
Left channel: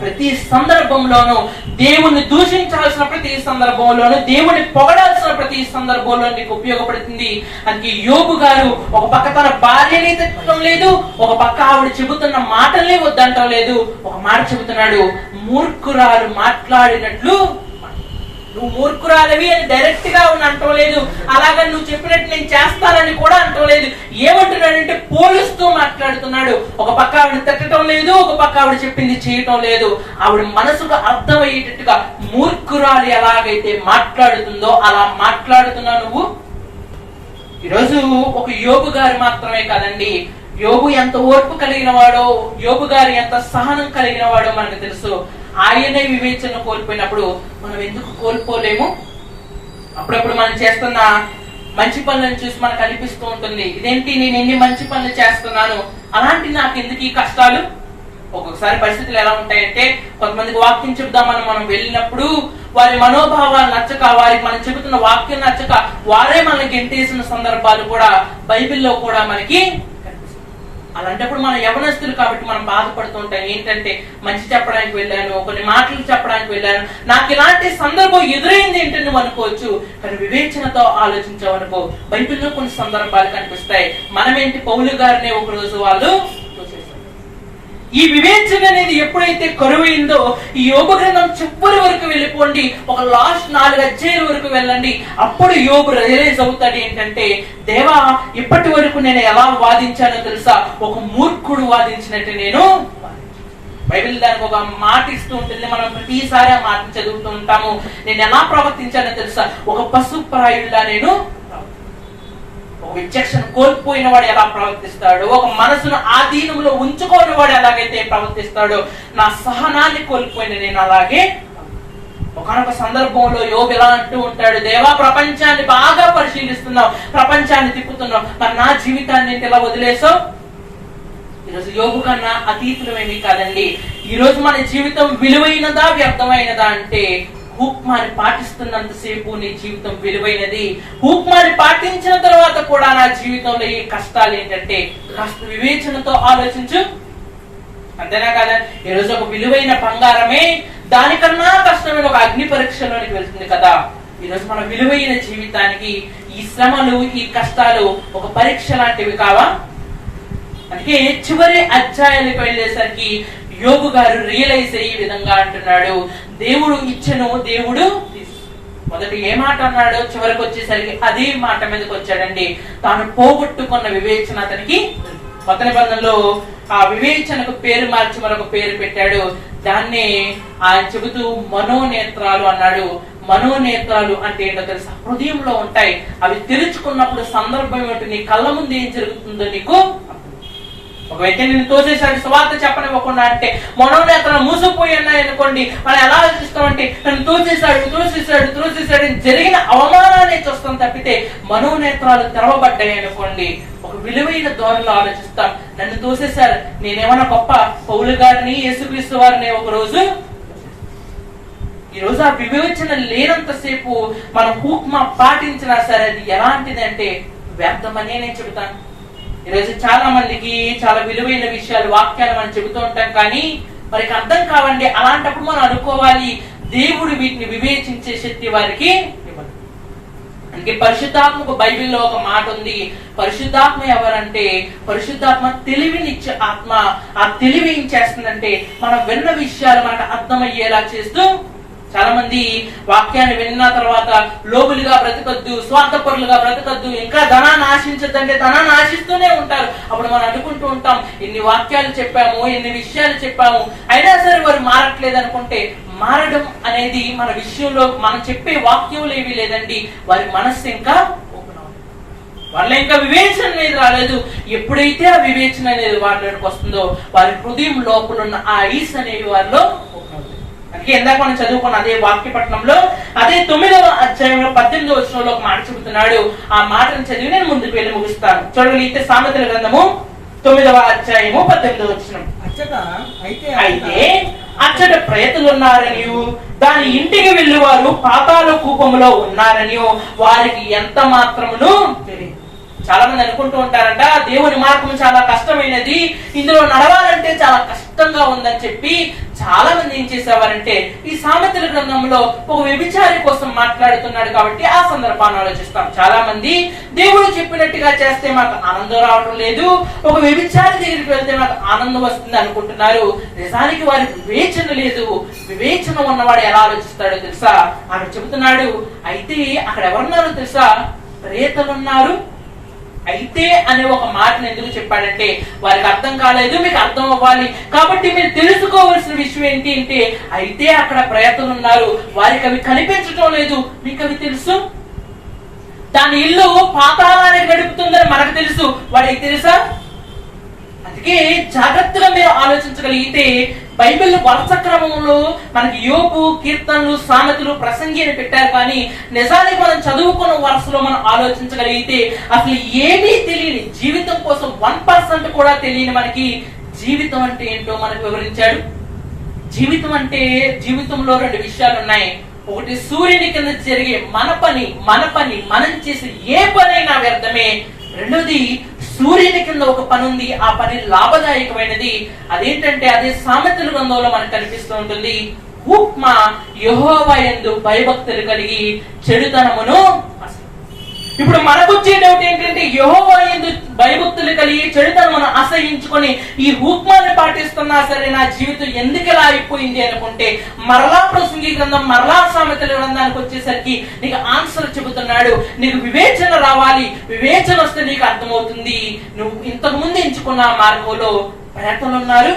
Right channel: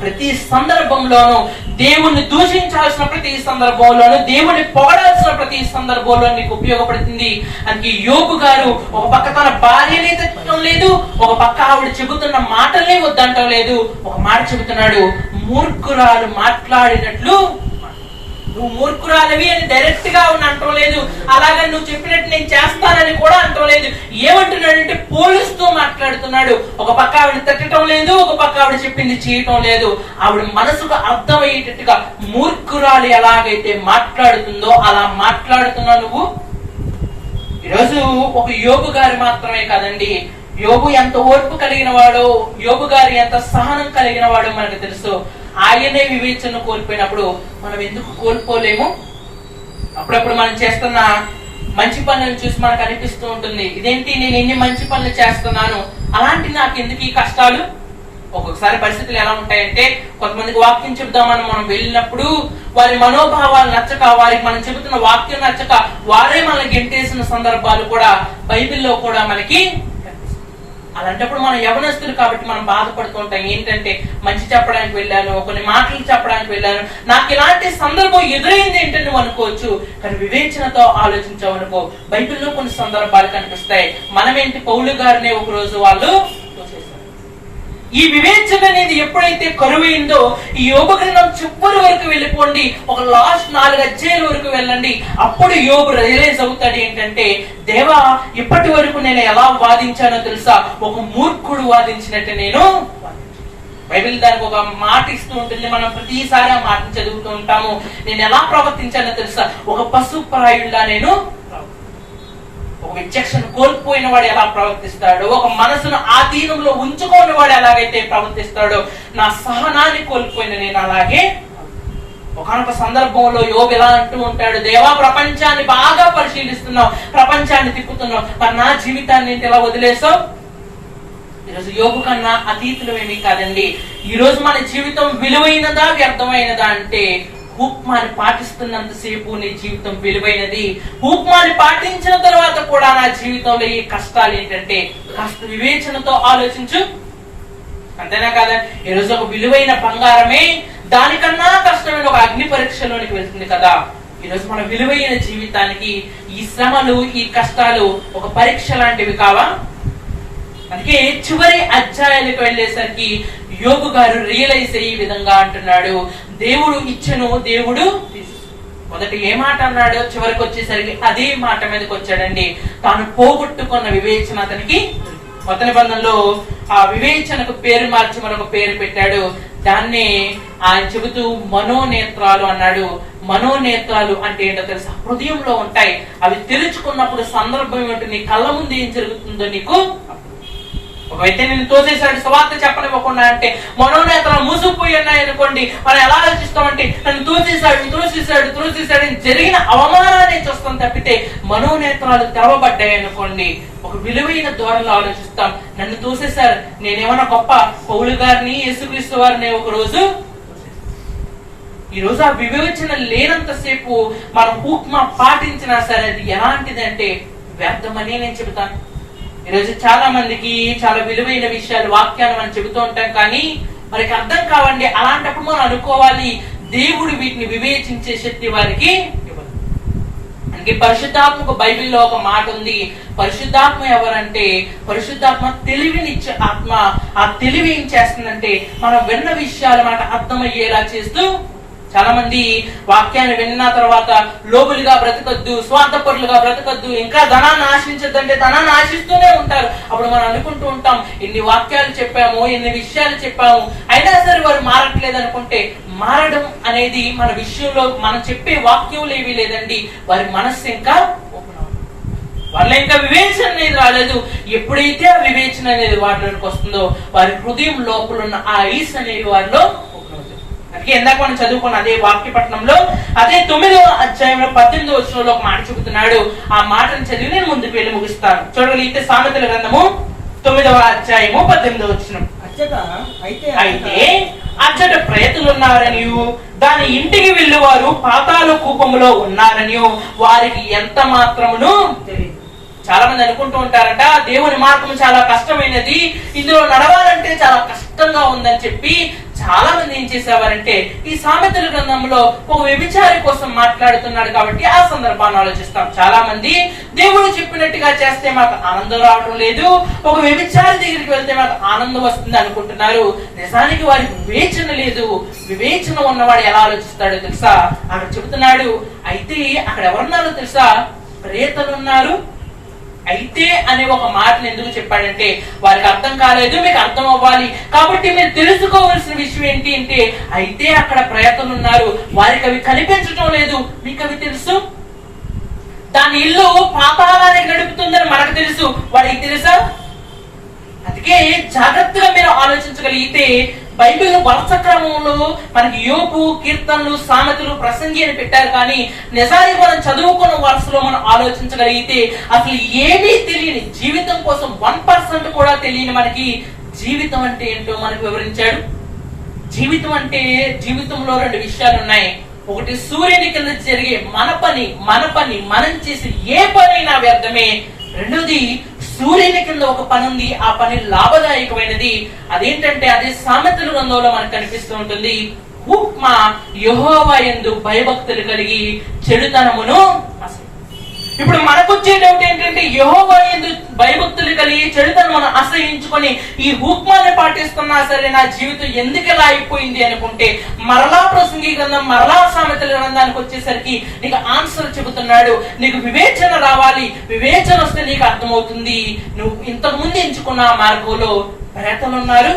ప్రతి సందర్భంలోనూ, దేవుణ్ణి దూషించాల్సిన ప్రతి సందర్భంలోనూ, దేవుణ్ణి పొగడాల్సిన ప్రతి సందర్భంలో నీకు ఉపయోగపడుతుంది. అందుకే యోబు గారు ఒక పక్క తన భార్యని తిట్టడం లేదు, ఒక పక్క ఆవిడ చెబుతున్న మాటల్ని వద్దంటం లేదు. ఒక మాట చెబుతున్నాడు, మూర్ఖురాలు మాట్లాడినట్లు. నువ్వు మూర్ఖురాలవి అని డైరెక్ట్ గా అంటం లేదు, అలాగని నువ్వు చెప్పినట్టు నేను చేస్తానని కూడా అంటం లేదు. ఏమంటున్నాడంటే పోలుస్తూ మాట్లాడుతున్నాడు. ఒక పక్క ఆవిడ తిట్టడం లేదు, ఒక పక్క ఆవిడ చెప్పింది చేయటం లేదు. ఆవిడ మనసుకు అర్థమయ్యేటట్టుగా మూర్ఖురాలు ఎలాగైతే మాట్లాడుతుందో అలా మాట్లాడుతున్నా నువ్వు. ఈరోజు ఒక యోబు గారు మాత్రమే కాదండి, యోబు ఎంత ఓర్పు కలిగిన వాడో, యోబు గారు ఎంత సహనం కలిగిన వాడో మనకు తెలుసు. ఆయనే వివేచన కోల్పోయినప్పుడు మనం ఎందుకు కోల్పోలేము? అప్పుడప్పుడు మనం చేస్తున్న మంచి పనులను చూసి మనకు అనిపిస్తూ ఉంటుంది, ఇదేంటి నేను ఎన్ని మంచి పనులు చేస్తున్నాను, అలాంటి నాకు ఎందుకు ఈ కష్టాలు? ఒక్కొక్కసారి పరిస్థితులు ఎలా ఉంటాయంటే, కొంతమందికి వాక్యం చెబుదామని మనం వెళ్ళినప్పుడు వారి మనోభావాలు నచ్చక, వారికి మనం చెబుతున్న వాక్యం నచ్చక వారే మనల్ని గెంటేసిన సందర్భాలు కూడా బైబిల్లో కూడా మనకి. అలాంటప్పుడు మనం యవనస్తులు కాబట్టి మనం బాధపడుతూ ఉంటాం. ఏంటంటే మంచి చెప్పడానికి వెళ్ళాను, కొన్ని మాటలు చెప్పడానికి వెళ్ళాను, నాకు ఇలాంటి సందర్భం ఎదురైంది ఏంటని నువ్వు అనుకోవచ్చు. కానీ వివేచనతో ఆలోచించావనుకో, బైబిల్లో కొన్ని సందర్భాలు కనిపిస్తాయి. మనమేంటి, పౌలు గారిని ఒక రోజు వాళ్ళు ఈ వివేచన అనేది ఎప్పుడైతే కరువైందో, ఈ యోబు గ్రంథం చివరి వరకు వెళ్ళిపోండి, ఒక లాస్ట్ 4 అధ్యాయాల వరకు వెళ్ళండి. అప్పుడు యోబు రియలైజ్ అవుతాడు ఏంటంటే, దేవా ఇప్పటి వరకు నేను ఎలా వాదించానో తెలుసా? ఒక మూర్ఖుడు వాదించినట్టు నేను. బైబిల్ దానికి ఒక మాట ఇస్తూ ఉంటుంది, మనం ప్రతిసారి ఆ మాటను చదువుతూ ఉంటాము. నేను ఎలా ప్రవర్తించానో తెలుసా? ఒక పశుప్రాయుడిలా నేను. ఒక విచక్షణ కోల్పోయిన వాడు ఎలా ప్రవర్తిస్తాడో, ఒక మనసును ఆధీనంలో ఉంచుకోని వాడు ఎలాగైతే ప్రవర్తిస్తాడో, నా సహనాన్ని కోల్పోయిన నేను అలాగే. ఒకనొక సందర్భంలో యోబు ఎలా అంటూ ఉంటాడు, దేవా ప్రపంచాన్ని బాగా పరిశీలిస్తున్నావు, ప్రపంచాన్ని తిప్పుతున్నావు, మరి నా జీవితాన్ని ఇలా వదిలేసావు. ఈరోజు యోబు కన్నా అతీతులు ఏమీ కాదండి. ఈ రోజు మన జీవితం విలువైనదా వ్యర్థమైనదా అంటే, హూక్మాని పాటిస్తున్నంతసేపు నీ జీవితం విలువైనది. హూక్మాని పాటించిన తర్వాత కూడా నా జీవితంలో ఈ కష్టాలు ఏంటంటే, కాస్త వివేచనతో ఆలోచించు. అంతేనా కదా? ఈరోజు ఒక విలువైన బంగారమే దానికన్నా కష్టమైన ఒక అగ్ని పరీక్షలోనికి వెళ్తుంది కదా. ఈరోజు మన విలువైన జీవితానికి ఈ శ్రమలు, ఈ కష్టాలు ఒక పరీక్ష లాంటివి కావా? అందుకే చివరి అధ్యాయాలకు వెళ్ళేసరికి యోబు గారు రియలైజ్ అయ్యే విధంగా అంటున్నాడు, దేవుడు ఇచ్చను, దేవుడు మొదట ఏ మాట అన్నాడో చివరికి వచ్చేసరికి అదే మాట మీదకి వచ్చాడండి. తాను పోగొట్టుకున్న వివేచన అతనికి. కొత్త నిబంధనలో ఆ వివేచనకు పేరు మార్చి మరొక పేరు పెట్టాడు. దాన్ని ఆయన చెబుతూ మనోనేత్రాలు అన్నాడు. మనోనేత్రాలు అంటే ఏంటో తెలుసా? హృదయంలో ఉంటాయి. అవి తెరుచుకున్నప్పుడు సందర్భం ఏమిటి, నీ కళ్ళ ముందు ఏం జరుగుతుందో నీకు. ఒక వ్యక్తి నేను తోసేసాడు, సువార్త చెప్పనివ్వకుండా అంటే మనోనేత్రాలు మూసుకుపోయి ఉన్నాయి అనుకోండి, మనం ఎలా ఆలోచిస్తామంటే నన్ను తోసేసాడు జరిగిన అవమానాన్ని చూస్తాం తప్పితే మనోనేత్రాలు తెరవబడ్డాయి అనుకోండి ఒక విలువైన ధోరణిలో ఆలోచిస్తాం. నన్ను తోసేశారు, నేనేమన్నా గొప్ప పౌలు గారిని యేసుక్రీస్తు వారిని ఒక రోజు. ఈ రోజు ఆ వివేచన లేనంతసేపు మనం హూక్మా పాటించినా సరే అది ఎలాంటిది అంటే వ్యర్థమని నేను చెబుతాను. ఈరోజు చాలా మందికి చాలా విలువైన విషయాలు, వాక్యాలు మనం చెబుతూ ఉంటాం, కానీ మనకి అర్థం కావండి. అలాంటప్పుడు మనం అనుకోవాలి దేవుడు వీటిని వివేచించే శక్తి వారికి ఇవ్వదు. అందుకే పరిశుద్ధాత్మకు బైబిల్లో ఒక మాట ఉంది. పరిశుద్ధాత్మ ఎవరంటే పరిశుద్ధాత్మ తెలివినిచ్చే ఆత్మ. ఆ తెలివి ఏం చేస్తుందంటే మనం విన్న విషయాలు మనకు అర్థమయ్యేలా చేస్తూ. చాలా మంది వాక్యాన్ని విన్న తర్వాత లోబులుగా బ్రతకద్దు, స్వార్థపరులుగా బ్రతకద్దు, ఇంకా ధనాన్ని ఆశించద్దంటే ధనాన్ని ఆశిస్తూనే ఉంటారు. అప్పుడు మనం అనుకుంటూ ఉంటాం, ఎన్ని వాక్యాలు చెప్పాము, ఎన్ని విషయాలు చెప్పాము, అయినా సరే వారు మారట్లేదు అనుకుంటే మారడం అనేది మన విషయంలో మనం చెప్పే వాక్యం ఏవి లేదండి. వారి మనస్సు ఇంకా వాళ్ళ ఇంకా వివేచన అనేది రాలేదు. ఎప్పుడైతే ఆ వివేచన అనేది వారిలోకి వస్తుందో వారి హృదయం లోపల ఉన్న ఆ ఐస్ అనేది వారిలో. ఇందాక మనం చదువుకున్న అదే వాక్య పట్టణంలో అదే 9వ అధ్యాయంలో 18వ వచనంలో ఒక మాట చెబుతున్నాడు. ఆ మాటను చదివి నేను ముందుకు వెళ్ళి ముగిస్తాను. చూడగలిగితే సామెతల గ్రంథము 9వ అధ్యాయము 18వ వచనం. అయితే అచ్చట ప్రేతలు ఉన్నారనియు దాని ఇంటికి వెళ్లి వారు పాతాళ కూపములో ఉన్నారనియు వారికి ఎంత మాత్రమును తెలియదు. చాలా మంది అనుకుంటూ ఉంటారంట దేవుని మార్గం చాలా కష్టమైనది, ఇందులో నడవాలంటే చాలా కష్టంగా ఉందని చెప్పి చాలా మంది ఏం చేసేవారంటే ఈ సామెతల గ్రంథంలో ఒక వ్యభిచారి కోసం మాట్లాడుతున్నాడు కాబట్టి ఆ సందర్భాన్ని ఆలోచిస్తాం. చాలా మంది దేవుడు చెప్పినట్టుగా చేస్తే మాకు ఆనందం రావడం లేదు, ఒక వ్యభిచారి దగ్గరికి వెళ్తే మాకు ఆనందం వస్తుంది అనుకుంటున్నారు. నిజానికి వారికి వివేచన లేదు. వివేచన ఉన్నవాడు ఎలా ఆలోచిస్తాడో తెలుసా? అక్కడ చెబుతున్నాడు, అయితే అక్కడ ఎవరున్నారో తెలుసా? ప్రేతలున్నారు. అయితే అనే ఒక మాటను ఎందుకు చెప్పాడంటే వారికి అర్థం కాలేదు, మీకు అర్థం అవ్వాలి కాబట్టి మీరు తెలుసుకోవలసిన విషయం ఏంటి అంటే అయితే అక్కడ ప్రేతలు ఉన్నారు, వారికి అవి కనిపించడం లేదు, మీకు అవి తెలుసు. దాని ఇల్లు పాతాళానికి గడుపుతుందని మనకు తెలుసు, వాడికి తెలుసా? అందుకే జాగ్రత్తగా మీరు ఆలోచించగలిగితే బైబిల్ వరుస క్రమంలో మనకి యోబు, కీర్తనలు, సామెతలు, ప్రసంగి అని పెట్టారు, కానీ నిజానికి మనం చదువుకున్న వరుసలో మనం ఆలోచించగలిగితే అసలు ఏమీ తెలియని, జీవితం కోసం 1% కూడా తెలియని మనకి జీవితం అంటే ఏంటో మనకు వివరించాడు. జీవితం అంటే జీవితంలో 2 విషయాలు ఉన్నాయి. ఒకటి సూర్యుని కింద జరిగే మన పని మనం చేసే ఏ పనైనా వ్యర్థమే. రెండోది సూర్యుని కింద ఒక పని ఉంది, ఆ పని లాభదాయకమైనది. అదేంటంటే అదే సామెతల గ్రంథంలో మనకు కనిపిస్తూ ఉంటుంది. హూక్మా యెహోవా యందు భయభక్తులు కలిగి చెడుతనమును. ఇప్పుడు మనకు వచ్చే డౌట్ ఏంటంటే యెహోవా యందు భయభక్తులు కలిగి చెడుతనమును అసహించుకొని ఈ హూక్మాన్ని పాటిస్తున్నా సరే నా జీవితం ఎందుకు ఇలా అయిపోయింది అనుకుంటే మరలా ప్రసంగి గ్రంథం, మరలా సామెతల గ్రంథానికి వచ్చేసరికి నీకు ఆన్సర్ చెబుతున్నాడు. నీకు వివేచన రావాలి, వివేచన వస్తే నీకు అర్థమవుతుంది నువ్వు ఇంతకు ముందు ఎంచుకున్న మార్గంలో ప్రేతలు ఉన్నారు.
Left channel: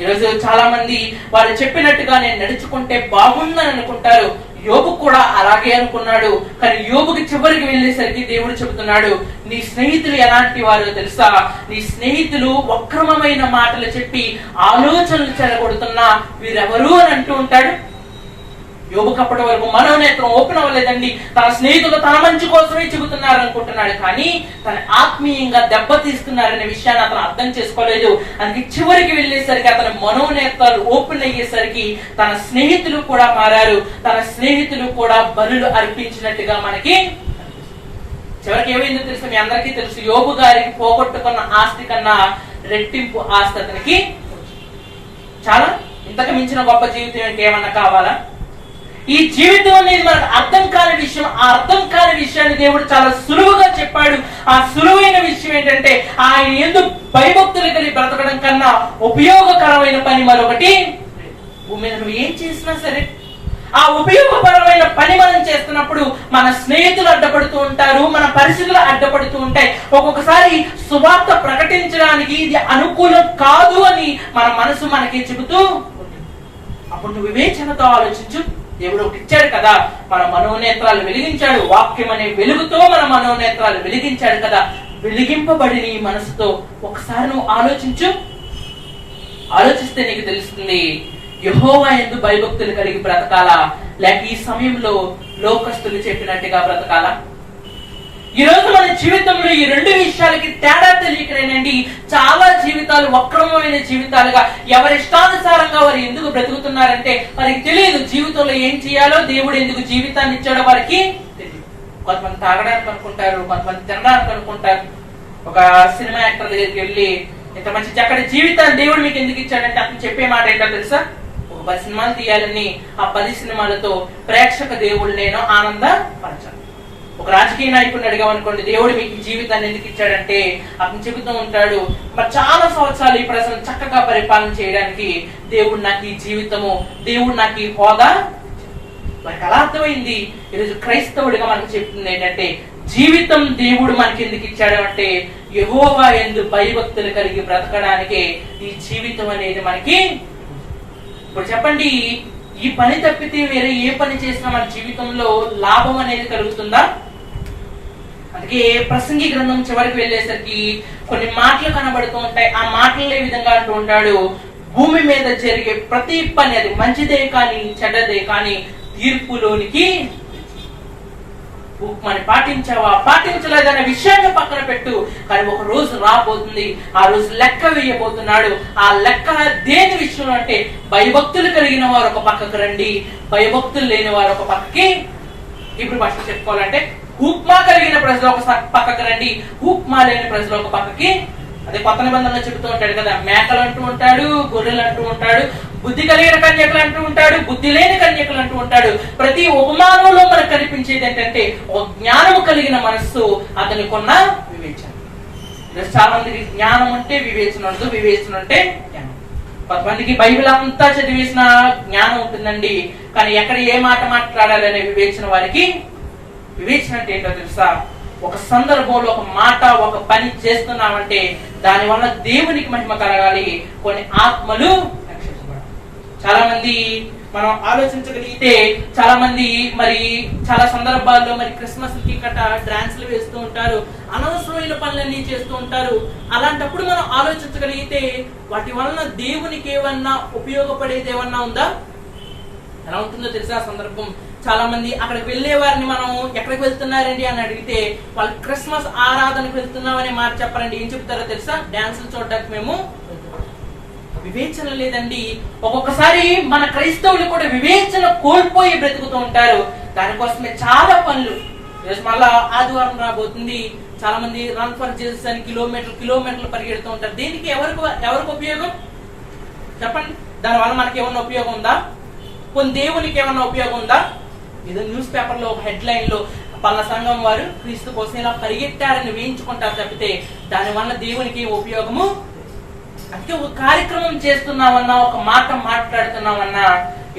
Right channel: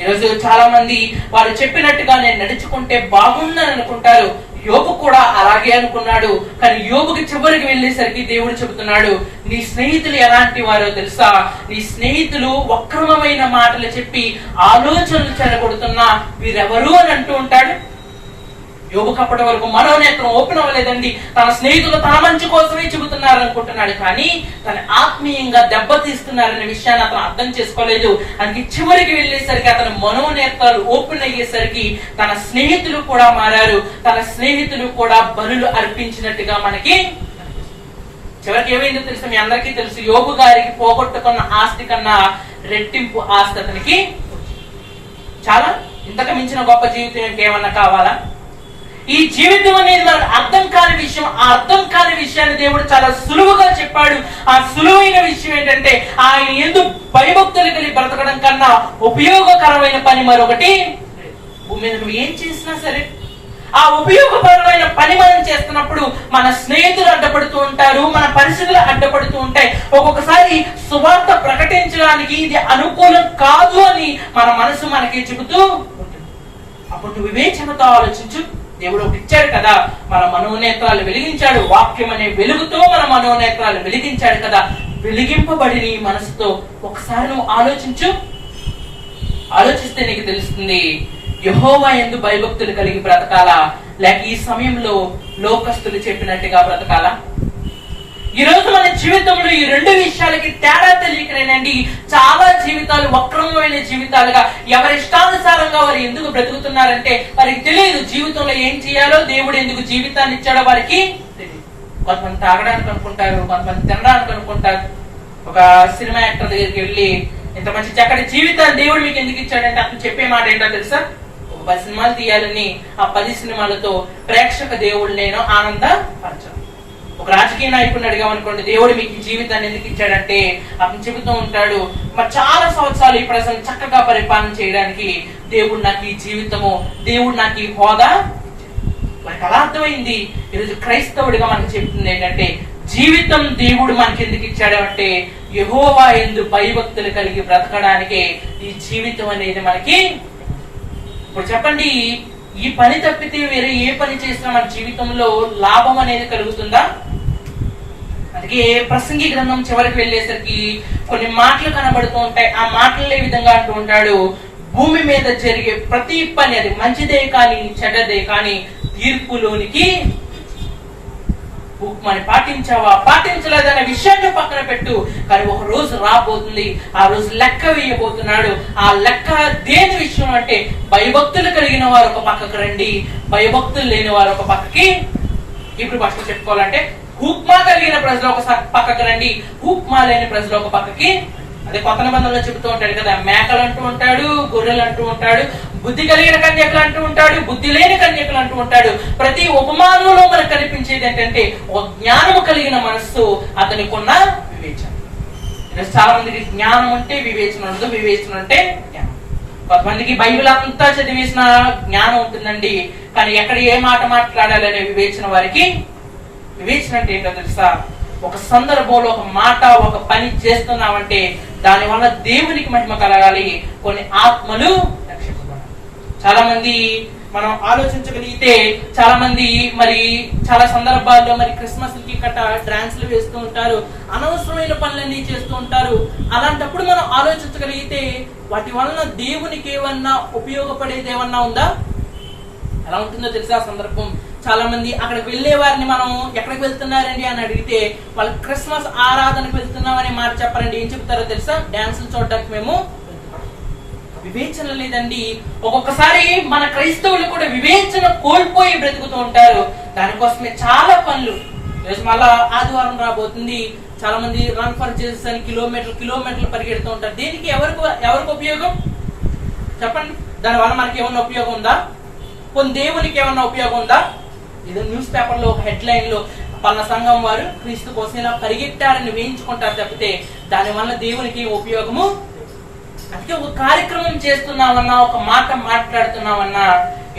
ఈరోజు చాలా మంది వాళ్ళు చెప్పినట్టుగా నేను నడుచుకుంటే బాగుందని అనుకుంటారు. యోబు కూడా అలాగే అనుకున్నాడు, కానీ యోబుకి చివరికి వెళ్ళేసరికి దేవుడు చెబుతున్నాడు, నీ స్నేహితులు ఎలాంటి వారో తెలుసా? నీ స్నేహితులు వక్రమైన మాటలు చెప్పి ఆలోచనలు చెరగొడుతున్నా వీరెవరు అని అంటూ ఉంటాడు. యోబుకు అప్పటి వరకు మనోనేత్రం ఓపెన్ అవ్వలేదండి. తన స్నేహితులు తన మంచి కోసమే చెబుతున్నారు అనుకుంటున్నాడు, కానీ తన ఆత్మీయంగా దెబ్బతీస్తున్నారనే విషయాన్ని అతను అర్థం చేసుకోలేదు. అందుకే చివరికి వెళ్ళేసరికి అతని మనోనేత్రాలు ఓపెన్ అయ్యేసరికి తన స్నేహితులు కూడా మారారు, తన స్నేహితులు కూడా బలులు అర్పించినట్టుగా మనకి. చివరికి ఏమైందో తెలుసు, మీ అందరికీ తెలుసు. యోబు గారికి పోగొట్టుకున్న ఆస్తి కన్నా రెట్టింపు ఆస్తి అతనికి. చాలా ఇంతకు మించిన గొప్ప జీవితం ఇంకేమన్నా కావాలా? ఈ జీవితం అనేది మనకు అర్థం కాని విషయం. ఆ అర్థం కాని విషయాన్ని దేవుడు చాలా సులువుగా చెప్పాడు. ఆ సులువైన విషయం ఏంటంటే ఆయన యందు భయభక్తులు కలిగి బ్రతకడం కన్నా ఉపయోగకరమైన పని మరొకటి భూమి మీద నువ్వు ఏం చేసినా సరే, ఆ ఉపయోగపరమైన పని మనం చేస్తున్నప్పుడు మన స్నేహితులు అడ్డపడుతూ ఉంటారు, మన పరిస్థితులు అడ్డపడుతూ ఉంటాయి. ఒక్కొక్కసారి సువార్త ప్రకటించడానికి ఇది అనుకూలం కాదు అని మన మనసు మనకి చెబుతూ ఉంటుంది. అప్పుడు నువ్వు వివేచనతో ఆలోచించు. దేవుడు ఒకటి ఇచ్చాడు కదా, మన మనోనేత్రాలు వెలిగించాడు. వాక్యం అనే వెలుగుతో మన మనోనేత్రాలు వెలిగించాడు కదా. వెలిగింపబడి నీ మనసుతో ఒకసారి నువ్వు ఆలోచించు. ఆలోచిస్తే నీకు తెలుస్తుంది, యెహోవా యందు భయభక్తులు కలిగి బ్రతకాలా, లేక ఈ సమయంలో లోకస్తులు చెప్పినట్టుగా బ్రతకాలా? ఈ రోజు మన జీవితంలో ఈ రెండు విషయాలకి తేడా తెలియకనేనండి చాలా జీవితాలు వక్రమైన జీవితాలుగా, ఎవరిష్టానుసారంగా వారు ఎందుకు బ్రతుకుతున్నారంటే వారికి తెలియదు జీవితంలో ఏం చేయాలో, దేవుడు ఎందుకు జీవితాన్ని ఇచ్చాడో వారికి తెలియదు. కొంతమంది తాగడానికి అనుకుంటారు, కొంతమంది తినడానికి అనుకుంటారు. ఒక సినిమా యాక్టర్ దగ్గరికి వెళ్ళి, ఇంత మంచి చక్కటి జీవితాన్ని దేవుడు మీకు ఎందుకు ఇచ్చాడంటే అతను చెప్పే మాట ఏంటో తెలుసా? 10 సినిమాలు తీయాలని, ఆ 10 సినిమాలతో ప్రేక్షక దేవుడు నేను ఆనందపరచాలి. ఒక రాజకీయ నాయకుడిని అడిగామనుకోండి, దేవుడు మీకు ఈ జీవితాన్ని ఎందుకు ఇచ్చాడంటే అతను చెబుతూ ఉంటాడు, మరి చాలా సంవత్సరాలు ఈ ప్రజలు చక్కగా పరిపాలన చేయడానికి దేవుడు నాకు ఈ జీవితము, దేవుడు నాకు ఈ హోదా. మనకు అలా అర్థమైంది. ఈరోజు క్రైస్తవుడిగా మనకు చెప్తుంది ఏంటంటే, జీవితం దేవుడు మనకి ఎందుకు ఇచ్చాడు అంటే యెహోవా యందు భయభక్తులు కలిగి బ్రతకడానికే ఈ జీవితం అనేది మనకి. ఇప్పుడు చెప్పండి, ఈ పని తప్పితే వేరే ఏ పని చేసినా మన జీవితంలో లాభం అనేది కలుగుతుందా? అందుకే ప్రసంగి గ్రంథం చివరికి వెళ్ళేసరికి కొన్ని మాటలు కనబడుతూ ఉంటాయి. ఆ మాటలు ఏ విధంగా అంటూ ఉంటాడు, భూమి మీద జరిగే ప్రతి పని, అది మంచిదే కానీ చెడ్డదే కానీ తీర్పులోనికి ఉక్మని పాటించావా పాటించలేదనే విషయాన్ని పక్కన పెట్టు, కానీ ఒక రోజు రాబోతుంది, ఆ రోజు లెక్క వేయబోతున్నాడు. ఆ లెక్క దేని విషయం అంటే, భయభక్తులు కలిగిన వారు ఒక పక్కకు రండి, భయభక్తులు లేని వారు ఒక పక్కకి. ఇప్పుడు భాష చెప్పుకోవాలంటే, ఉక్మా కలిగిన ప్రజలు ఒక పక్కకు రండి, ఉక్మా లేని ప్రజలు ఒక పక్కకి. అదే కొత్త నిబంధనలో చెబుతూ ఉంటాడు కదా, మేకలు అంటూ ఉంటాడు, గొర్రెలు అంటూ ఉంటాడు, బుద్ధి కలిగిన కన్యకలు అంటూ ఉంటాడు, బుద్ధి లేని కన్యకలు అంటూ ఉంటాడు. ప్రతి ఉపమానంలో మనకు కనిపించేది ఏంటంటే, ఒక జ్ఞానము కలిగిన మనస్సు, అతనికి ఉన్న వివేచన. చాలా మందికి జ్ఞానం అంటే వివేచన ఉండదు, వివేచన అంటే జ్ఞానం. కొంతమందికి బైబిల్ అంతా చదివేసిన జ్ఞానం ఉంటుందండి, కానీ ఎక్కడ ఏ మాట మాట్లాడాలనే వివేచన వారికి. వివేచన అంటే ఏంటో తెలుసా? ఒక సందర్భంలో ఒక మాట, ఒక పని చేస్తున్నామంటే దాని వల్ల దేవునికి మహిమ కలగాలి, కొన్ని ఆత్మలు రక్షించబడాలి. చాలా మంది మనం ఆలోచించగలిగితే, చాలా మంది మరి చాలా సందర్భాల్లో మరి క్రిస్మస్ కి కట్ట డాన్సులు వేస్తూ ఉంటారు, అనవసరమైన పనులన్నీ చేస్తూ ఉంటారు. అలాంటప్పుడు మనం ఆలోచించగలిగితే వాటి వలన దేవునికి ఏమన్నా ఉపయోగపడేది ఏమన్నా ఉందా? ఎలా ఉంటుందో తెలుసా సందర్భం? చాలా మంది అక్కడికి వెళ్లే వారిని మనం ఎక్కడికి వెళ్తున్నారండి అని అడిగితే, వాళ్ళు క్రిస్మస్ ఆరాధనకు వెళ్తున్నామని మాట చెప్పరండి. ఏం చెప్తారో తెలుసా? డాన్సులు చూడడానికి మేము. వివేచన లేదండి. ఒక్కొక్కసారి మన క్రైస్తవులు కూడా వివేచన కోల్పోయి బ్రతుకుతూ ఉంటారు. దానికోసమే చాలా పనులు. ఈరోజు మళ్ళా ఆదివారం రాబోతుంది, చాలా మంది రన్ ఫర్ జీసస్ అని కిలోమీటర్లు పరిగెడుతూ ఉంటారు. దీనికి ఎవరికి ఉపయోగం చెప్పండి? దానివల్ల మనకి ఏమన్నా ఉపయోగం ఉందా? కొన్ని దేవునికి ఏమన్నా ఉపయోగం ఉందా? ఏదో న్యూస్ పేపర్ లో ఒక హెడ్ లైన్ లో పలానా సంఘం వారు క్రీస్తు కోసం ఇలా పరిగెట్టారని వేయించుకుంటారు తప్పితే దాని వల్ల దేవునికి ఉపయోగము. అందుకే ఒక కార్యక్రమం చేస్తున్నామన్నా, ఒక మాట మాట్లాడుతున్నామన్నా,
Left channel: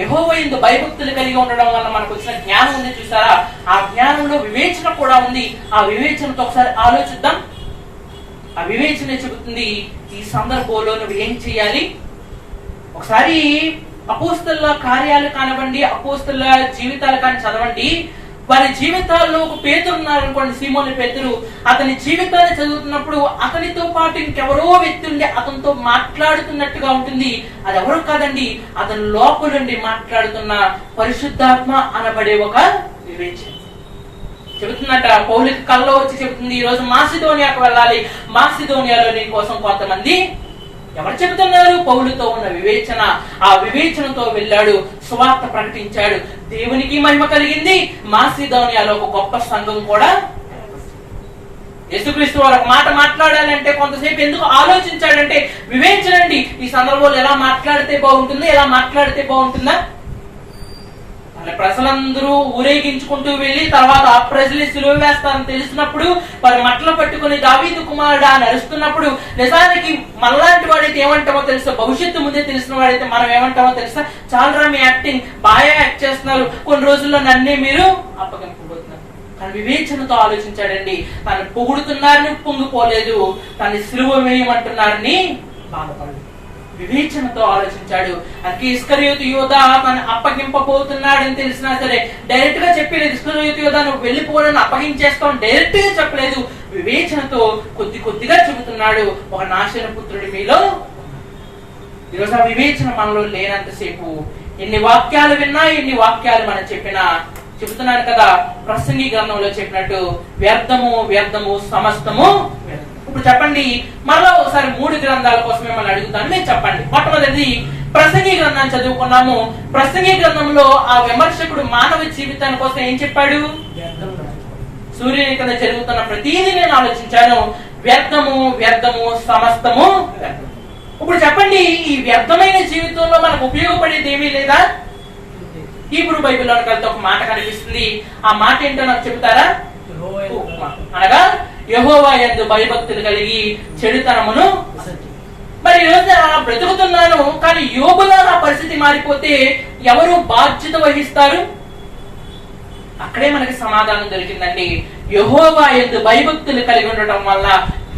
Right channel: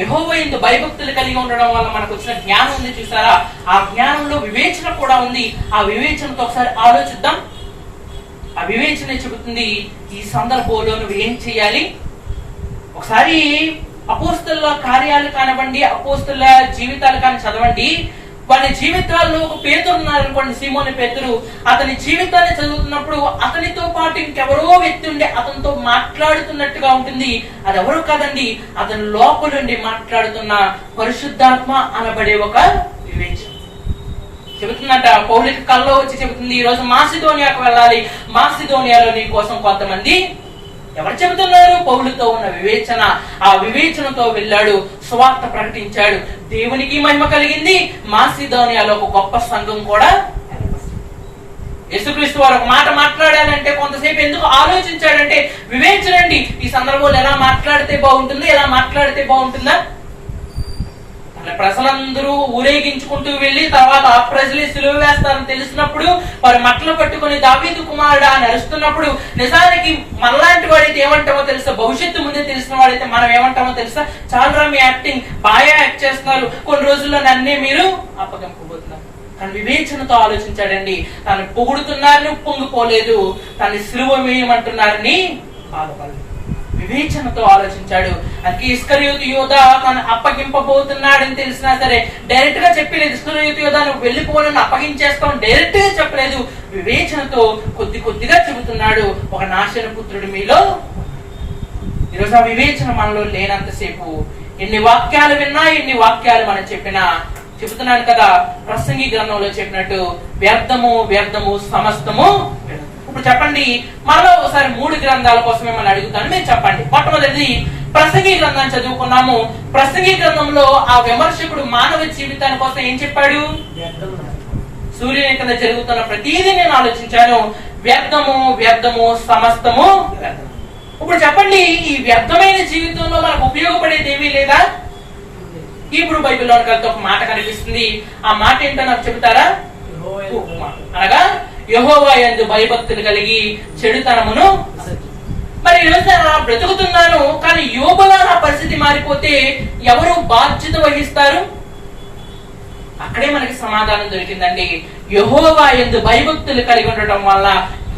యెహోవా యందు భయభక్తులు కలిగి ఉండడం వల్ల మనకు వచ్చిన జ్ఞానం ఉంది చూసారా? ఆ జ్ఞానంలో వివేచన కూడా ఉంది. ఆ వివేచనతో ఒకసారి ఆలోచిద్దాం. ఆ వివేచన చెబుతుంది ఈ సందర్భంలో నువ్వు ఏం చేయాలి. ఒకసారి అపోస్తలుల కార్యాలు కానివ్వండి, అపోస్తలుల జీవితాలు కానీ చదవండి. వారి జీవితాల్లో ఒక పేతురు ఉన్నారనుకోండి, సీమోను పేతురు. అతని జీవితాన్ని చదువుతున్నప్పుడు అతనితో పాటు ఇంకెవరో వ్యక్తి ఉండి అతనితో మాట్లాడుతున్నట్టుగా ఉంటుంది. అది ఎవరు కాదండి, అతని లోపల నుండి మాట్లాడుతున్న పరిశుద్ధాత్మ అనబడే ఒక వివేచన. చెబుతున్నట్ట, పౌలుకి కల్లో వచ్చి చెబుతుంది, ఈ రోజు మాసిదోనియాకు వెళ్ళాలి, మాసిదోనియాలో నీ కోసం కొంతమంది. ఎవరు చెబుతున్నారు? పౌలుతో ఉన్న వివేచన. ఆ వివేచనతో వెళ్ళాడు, సువార్త ప్రకటించాడు, దేవునికి మహిమ కలిగింది. మాసిదోనియాలో ఒక గొప్ప సంఘం కూడా. యేసుక్రీస్తు వారు ఒక మాట మాట్లాడాలంటే కొంతసేపు ఎందుకు ఆలోచించాడంటే వివేచనండి. ఈ సందర్భంలో ఎలా మాట్లాడితే బాగుంటుంది, ఎలా మాట్లాడితే బాగుంటుందా? తన ప్రజలందరూ ఊరేగించుకుంటూ వెళ్లి తర్వాత ఆ ప్రజలు సిలువ వేస్తారని తెలిసినప్పుడు వారు మట్టలు పట్టుకుని దావీదు కుమారుడా అని అరుస్తున్నప్పుడు నిజానికి మనలాంటి వాడైతే ఏమంటామో తెలుసా, భవిష్యత్తు ముందే తెలిసిన వాడైతే మనం ఏమంటామో తెలుసా, చాలా మీ యాక్టింగ్ బాగా యాక్ట్ చేస్తున్నారు, కొన్ని రోజుల్లో నన్నే మీరు అప్పగింపబోతున్నారు. కానీ వివేచనతో ఆలోచించాడండి. తను పొగుడుతున్నారని పొంగిపోలేదు, తను సిలువ వేయమంటున్నారని బాధపడలేదు. వివేచనతో ఆలోచించాడు. అందుకే ఇస్కరియోతు యోధ తను అప్పగింపబోతున్నాడని తెలిసినా సరే డైరెక్ట్ గా చెప్పలేదు, ఇస్కరియోతు యోధ నువ్వు వెళ్ళిపోవాలని అప్పగించేస్తావు డైరెక్ట్ గా చెప్పలేదు. వివేచనతో కొద్ది కొద్దిగా చెబుతున్నాడు, ఒక నాశన పుత్రుడి మీలో. ఈరోజు ఆ వివేచన మనలో లేనంతసేపు ఎన్ని వాక్యాలు విన్నా, ఎన్ని వాక్యాలు మనం చెప్పినా, చెబుతున్నాను కదా ప్రసంగి గ్రంథంలో చెప్పినట్టు వ్యర్థము వ్యర్థము సమస్తము. ఇప్పుడు చెప్పండి, మరో ఒకసారి 3 గ్రంథాల కోసం మిమ్మల్ని అడుగుతాను, మీరు చెప్పండి. మొట్టమొదటిది ప్రసంగి గ్రంథాన్ని చదువుకున్నాము. ప్రసంగి గ్రంథంలో ఆ విమర్శకుడు మానవ జీవితాని కోసం ఏం చెప్పాడు? సూర్యుని కింద జరుగుతున్న ప్రతిదీ నేను ఆలోచించాను, వ్యర్థము వ్యర్థము సమస్తము. ఇప్పుడు చెప్పండి, ఈ వ్యర్థమైన జీవితంలో మనకు ఉపయోగపడేది ఏమీ లేదా? ఇప్పుడు బైబిల్లో ఒక మాట కనిపిస్తుంది. ఆ మాట ఏంటో నాకు చెబుతారా? అనగా యెహోవా యందు భయభక్తులు కలిగి చెడుతనమును. మరి ఈ రోజు బ్రతుకుతున్నాను, కానీ యోబుగా నా పరిస్థితి మారిపోతే ఎవరు బాధ్యత వహిస్తారు? అక్కడే మనకి సమాధానం దొరికిందండి. యెహోవా యందు భయభక్తులు కలిగి ఉండటం వల్ల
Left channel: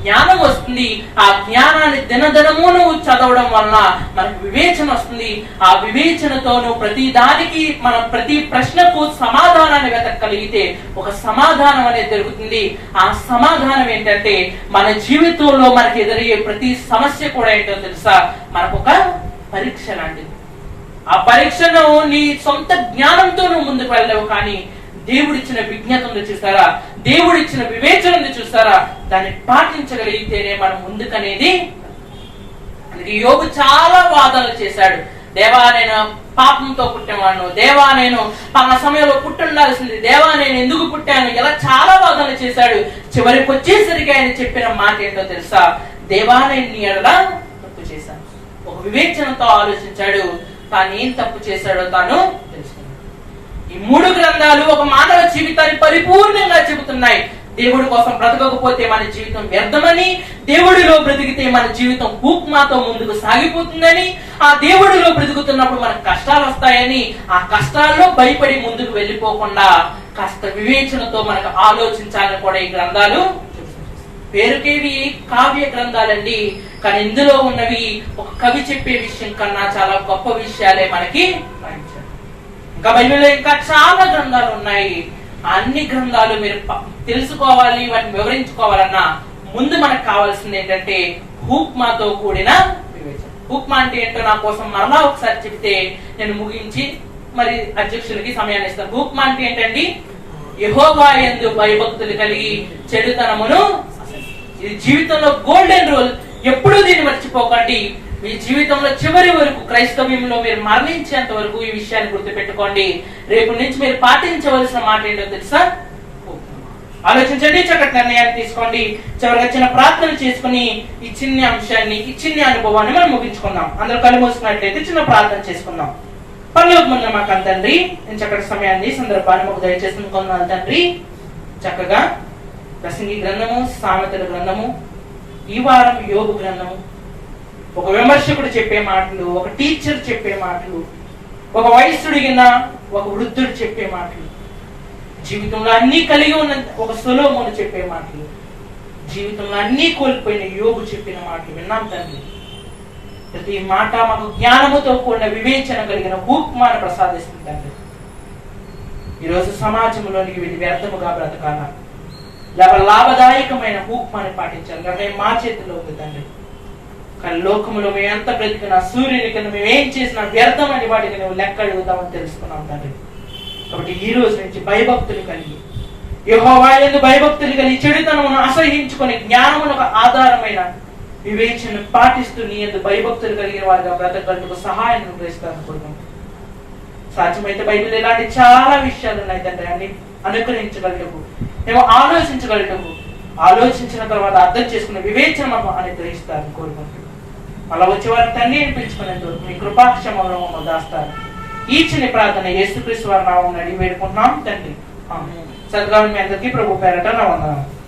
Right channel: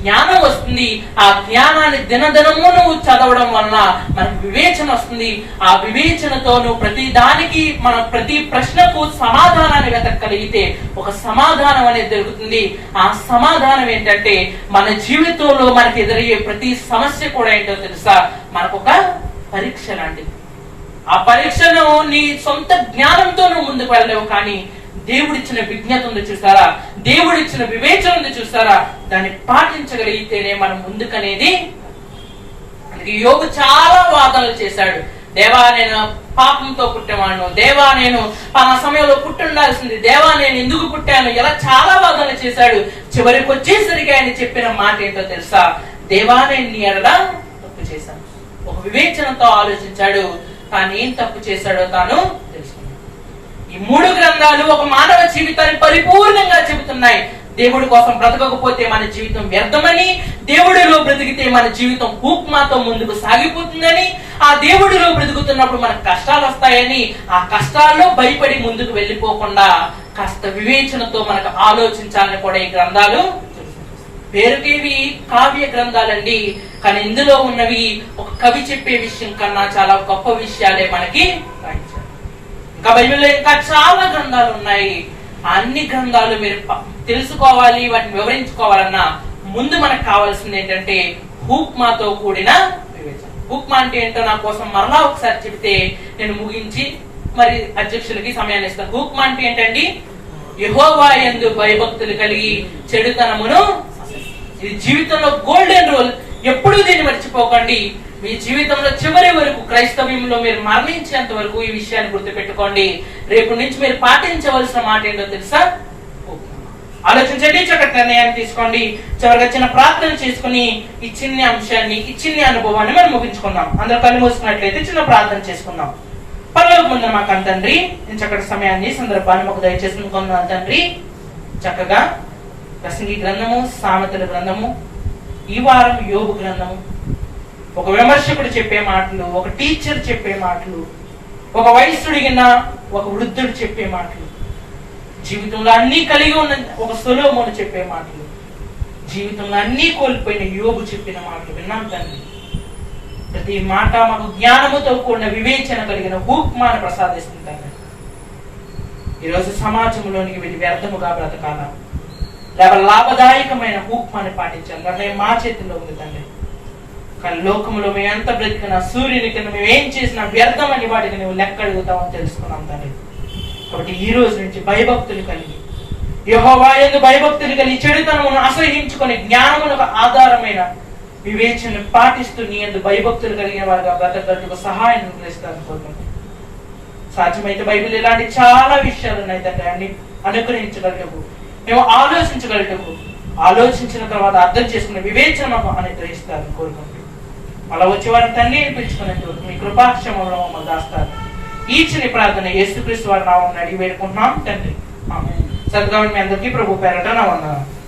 జ్ఞానం వస్తుంది. ఆ జ్ఞానాన్ని దినదినము నువ్వు చదవడం వలన మనకు వివేచన వస్తుంది. ఆ వివేచనతో నువ్వు ప్రతి దానికి, మన ప్రతి ప్రశ్నకు సమాధానాన్ని వెతకగలిగితే ఒక సమాధానం అనేది దొరుకుతుంది. ఆ సమాధానం ఏంటంటే మన జీవితంలో మనకు ఎదురయ్యే ప్రతి సమస్య కూడా ఏంటో తెలుసా, మనకు ఒక పరీక్ష లాంటిది. ఆ పరీక్షను నీ సొంత జ్ఞానంతో నువ్వు ముందుకు వెళ్ళలేవు, కానీ దేవుడిచ్చిన విజ్ఞత ఉంది చూసారా, దేవుడిచ్చిన వివేచన ఉంది చూసారా, దాన్ని పాటించగలిగితేనే మనం ముందుకనేది. అందుకే యోబు చాలా వాదాలు చేశాడు. దేవా నేను పాపంతో పుట్టేవాడు, దేవా నేను పలా సమయంలో పుట్టుండాల్సింది, దేవా నేను ఎందుకు పుట్టాను, ఇలా చాలా వాదనలు చేశాడు. చివరికి వచ్చేసరికి ఆయన చెప్పిన మాట ఏంటో తెలుసా, దేవా నేను నీ ఎడల తప్పు చేశాను. ఒక వివేచనతో ఆలోచించాడు, తాను ఏం తప్పు చేశాడో తాను తెలుసుకున్నాడు. ఈ 3 గ్రంథాలు ఒక మానవ జీవితాన్ని పరిపూర్ణంగా చెబుతున్నాయి. దేవుడి కోసం బ్రతకకపోతే మన జీవితం వ్యర్థమని, దేవుడిలో బ్రతికితే మన జీవితం కూక్మాతో ముందుకు సాగిపోతుందని, ఆ దేవుడిలో బ్రతుకుతున్నప్పుడు మనకు కష్టాలు వస్తాయని, ఆ కష్టాల్లో భయపడి ముందుకు వెళ్ళిపోకుండా కాస్త వివేచనతో మనకు ఆలోచించాలని కూడా ఈ గ్రంథాలు. పేరుకేవి కావ్య గ్రంథాలండి, కానీ ఇందులో ఉన్నవి ఒక కవి చెప్పే విషయం కన్నా చాలా గొప్ప విషయాలే మనకి రాయించారు. ఇంకా బైబిల్లో ఇంకా చాలా గ్రంథాలు ఉన్నాయి. అన్ని గ్రంథాలు మీరు తెలుసుకోవాలి, వాటిని వివరించుకోవాలన్నా ముందు మనకు కావాల్సింది ఏంటంటే హూక్మాతో కూడిన వివేచన. హూక్మా అంటే ఏంటో నా కోసం మరలా ఒకసారి చెబితే నేను ముగించి మరి అధ్యక్షులకి సమయాన్ని ఇస్తాను. హూక్మా అంటే ఏంటండి? యెహోవా యందు భయభక్తులు కలిగి చెడుతనమును. ఇది జీవితంలో గోల్డెన్ రూల్. ఎప్పుడూ దీన్ని మర్చిపోకండి. మీ జీవితంలో చివరి వరకు, క్రైస్తవ్యంలో మీరు మరణించేంత వరకు ఈ విషయాన్ని గుర్తుపెట్టుకోండి. రేపు నుంచి మీరు పాటించవలసిన మాట ఏంటో తెలుసా? ఆలోచించండి, చక్కటి నిర్ణయాన్ని తీసుకోండి. చివరిగా చిన్న ప్రార్థన చేసుకుని ఈ చిన్న అంశాన్ని, ఈ చిన్న అనుభవాన్ని మనం ముగించుకుందాం. అందరూ కళ్ళు మూసుకున్నట్లయితే చిన్న ప్రార్థన చేసుకుందాం. పరలోకమందున్న మా తండ్రి, నేను చక్కటి సమయాన్ని, సందర్భాన్ని మాకు దయచేసి అనుకున్నాను తండ్రి. చక్కగా ప్రసంగి గ్రంథము, సామెతల గ్రంథము, ఈ వారం యోబు గ్రంథము, ఒక విమర్శకుడు చెప్పే మాటలు, ఒక టీచర్ చెప్పే మాటలు, ఒక వయస్సుడిగిన ఒక వృద్ధుడు చెప్పే మాటలు, జీవితంలో అన్ని కలిగి ఉన్న ఒక సొలొమోను చెప్పే మాటలు, జీవితంలో అన్ని కోల్పోయిన యోబు చెప్పిన మాటలు విన్నాం తండ్రి. ప్రతి మాట మాకు జ్ఞానముతో కూడిన వివేచన కలిగిన హూక్మాను ప్రసాదిస్తుంది తండ్రి. ఈరోజు సమాజంలోనికి వెళ్ళి వ్యర్థముగా బ్రతకాల, లేక లాభదాయకమైన హూక్మాను పాటించాలి, లేక మా చేతిలో ఉంది తండ్రి. కానీ లోకంలో మేము ఎంత బ్రతికినా, సూర్యుని కింద మేము ఏం చేసినా వ్యర్థమని వాటికి నువ్వు లెక్క అడుగుతామని తెలుసుకున్నాం తండ్రి. కాబట్టి ఈ రోజు నుంచి భయభక్తులు కలిగి, యెహోవా యందు భయభక్తులు కలిగి చెడుతనమును అసహించుకొని జ్ఞానమునకు ఆధారమైన వివేచన పాటిస్తూ నీ యందు భయభక్తులు కలిగిన వారిగా బ్రతకడానికి సహాయం అనుగ్రహిస్తాను కోరుకుంటున్నాను. సాధ్యమైతే బైబిల్ ఇలాంటి చాలా విషయాలు ఉన్నాయి తండ్రి. అన్ని అనుగ్రహించగలటకు, మేము ఆలోచించగలటకు, ఆలోచించిన తర్వాత అర్థం చేసుకునే వివేచన మాకు అనుగ్రహిస్తారని కోరుకుంటున్నాను. అలా వచ్చేవారిని తండ్రి పిలుచుకునేందుకు మీ కృపాక్షమంలో మమ్మల్ని దాస్తారు. ఈ చిన్న ప్రార్థన యేసుక్రీస్తు వారి నామమున అడిగి వేడుకుంటున్నాం తండ్రి. ఆమేన్. చదువుగా మీ అందరికీ ప్రభు పేరట నా వందనాలు.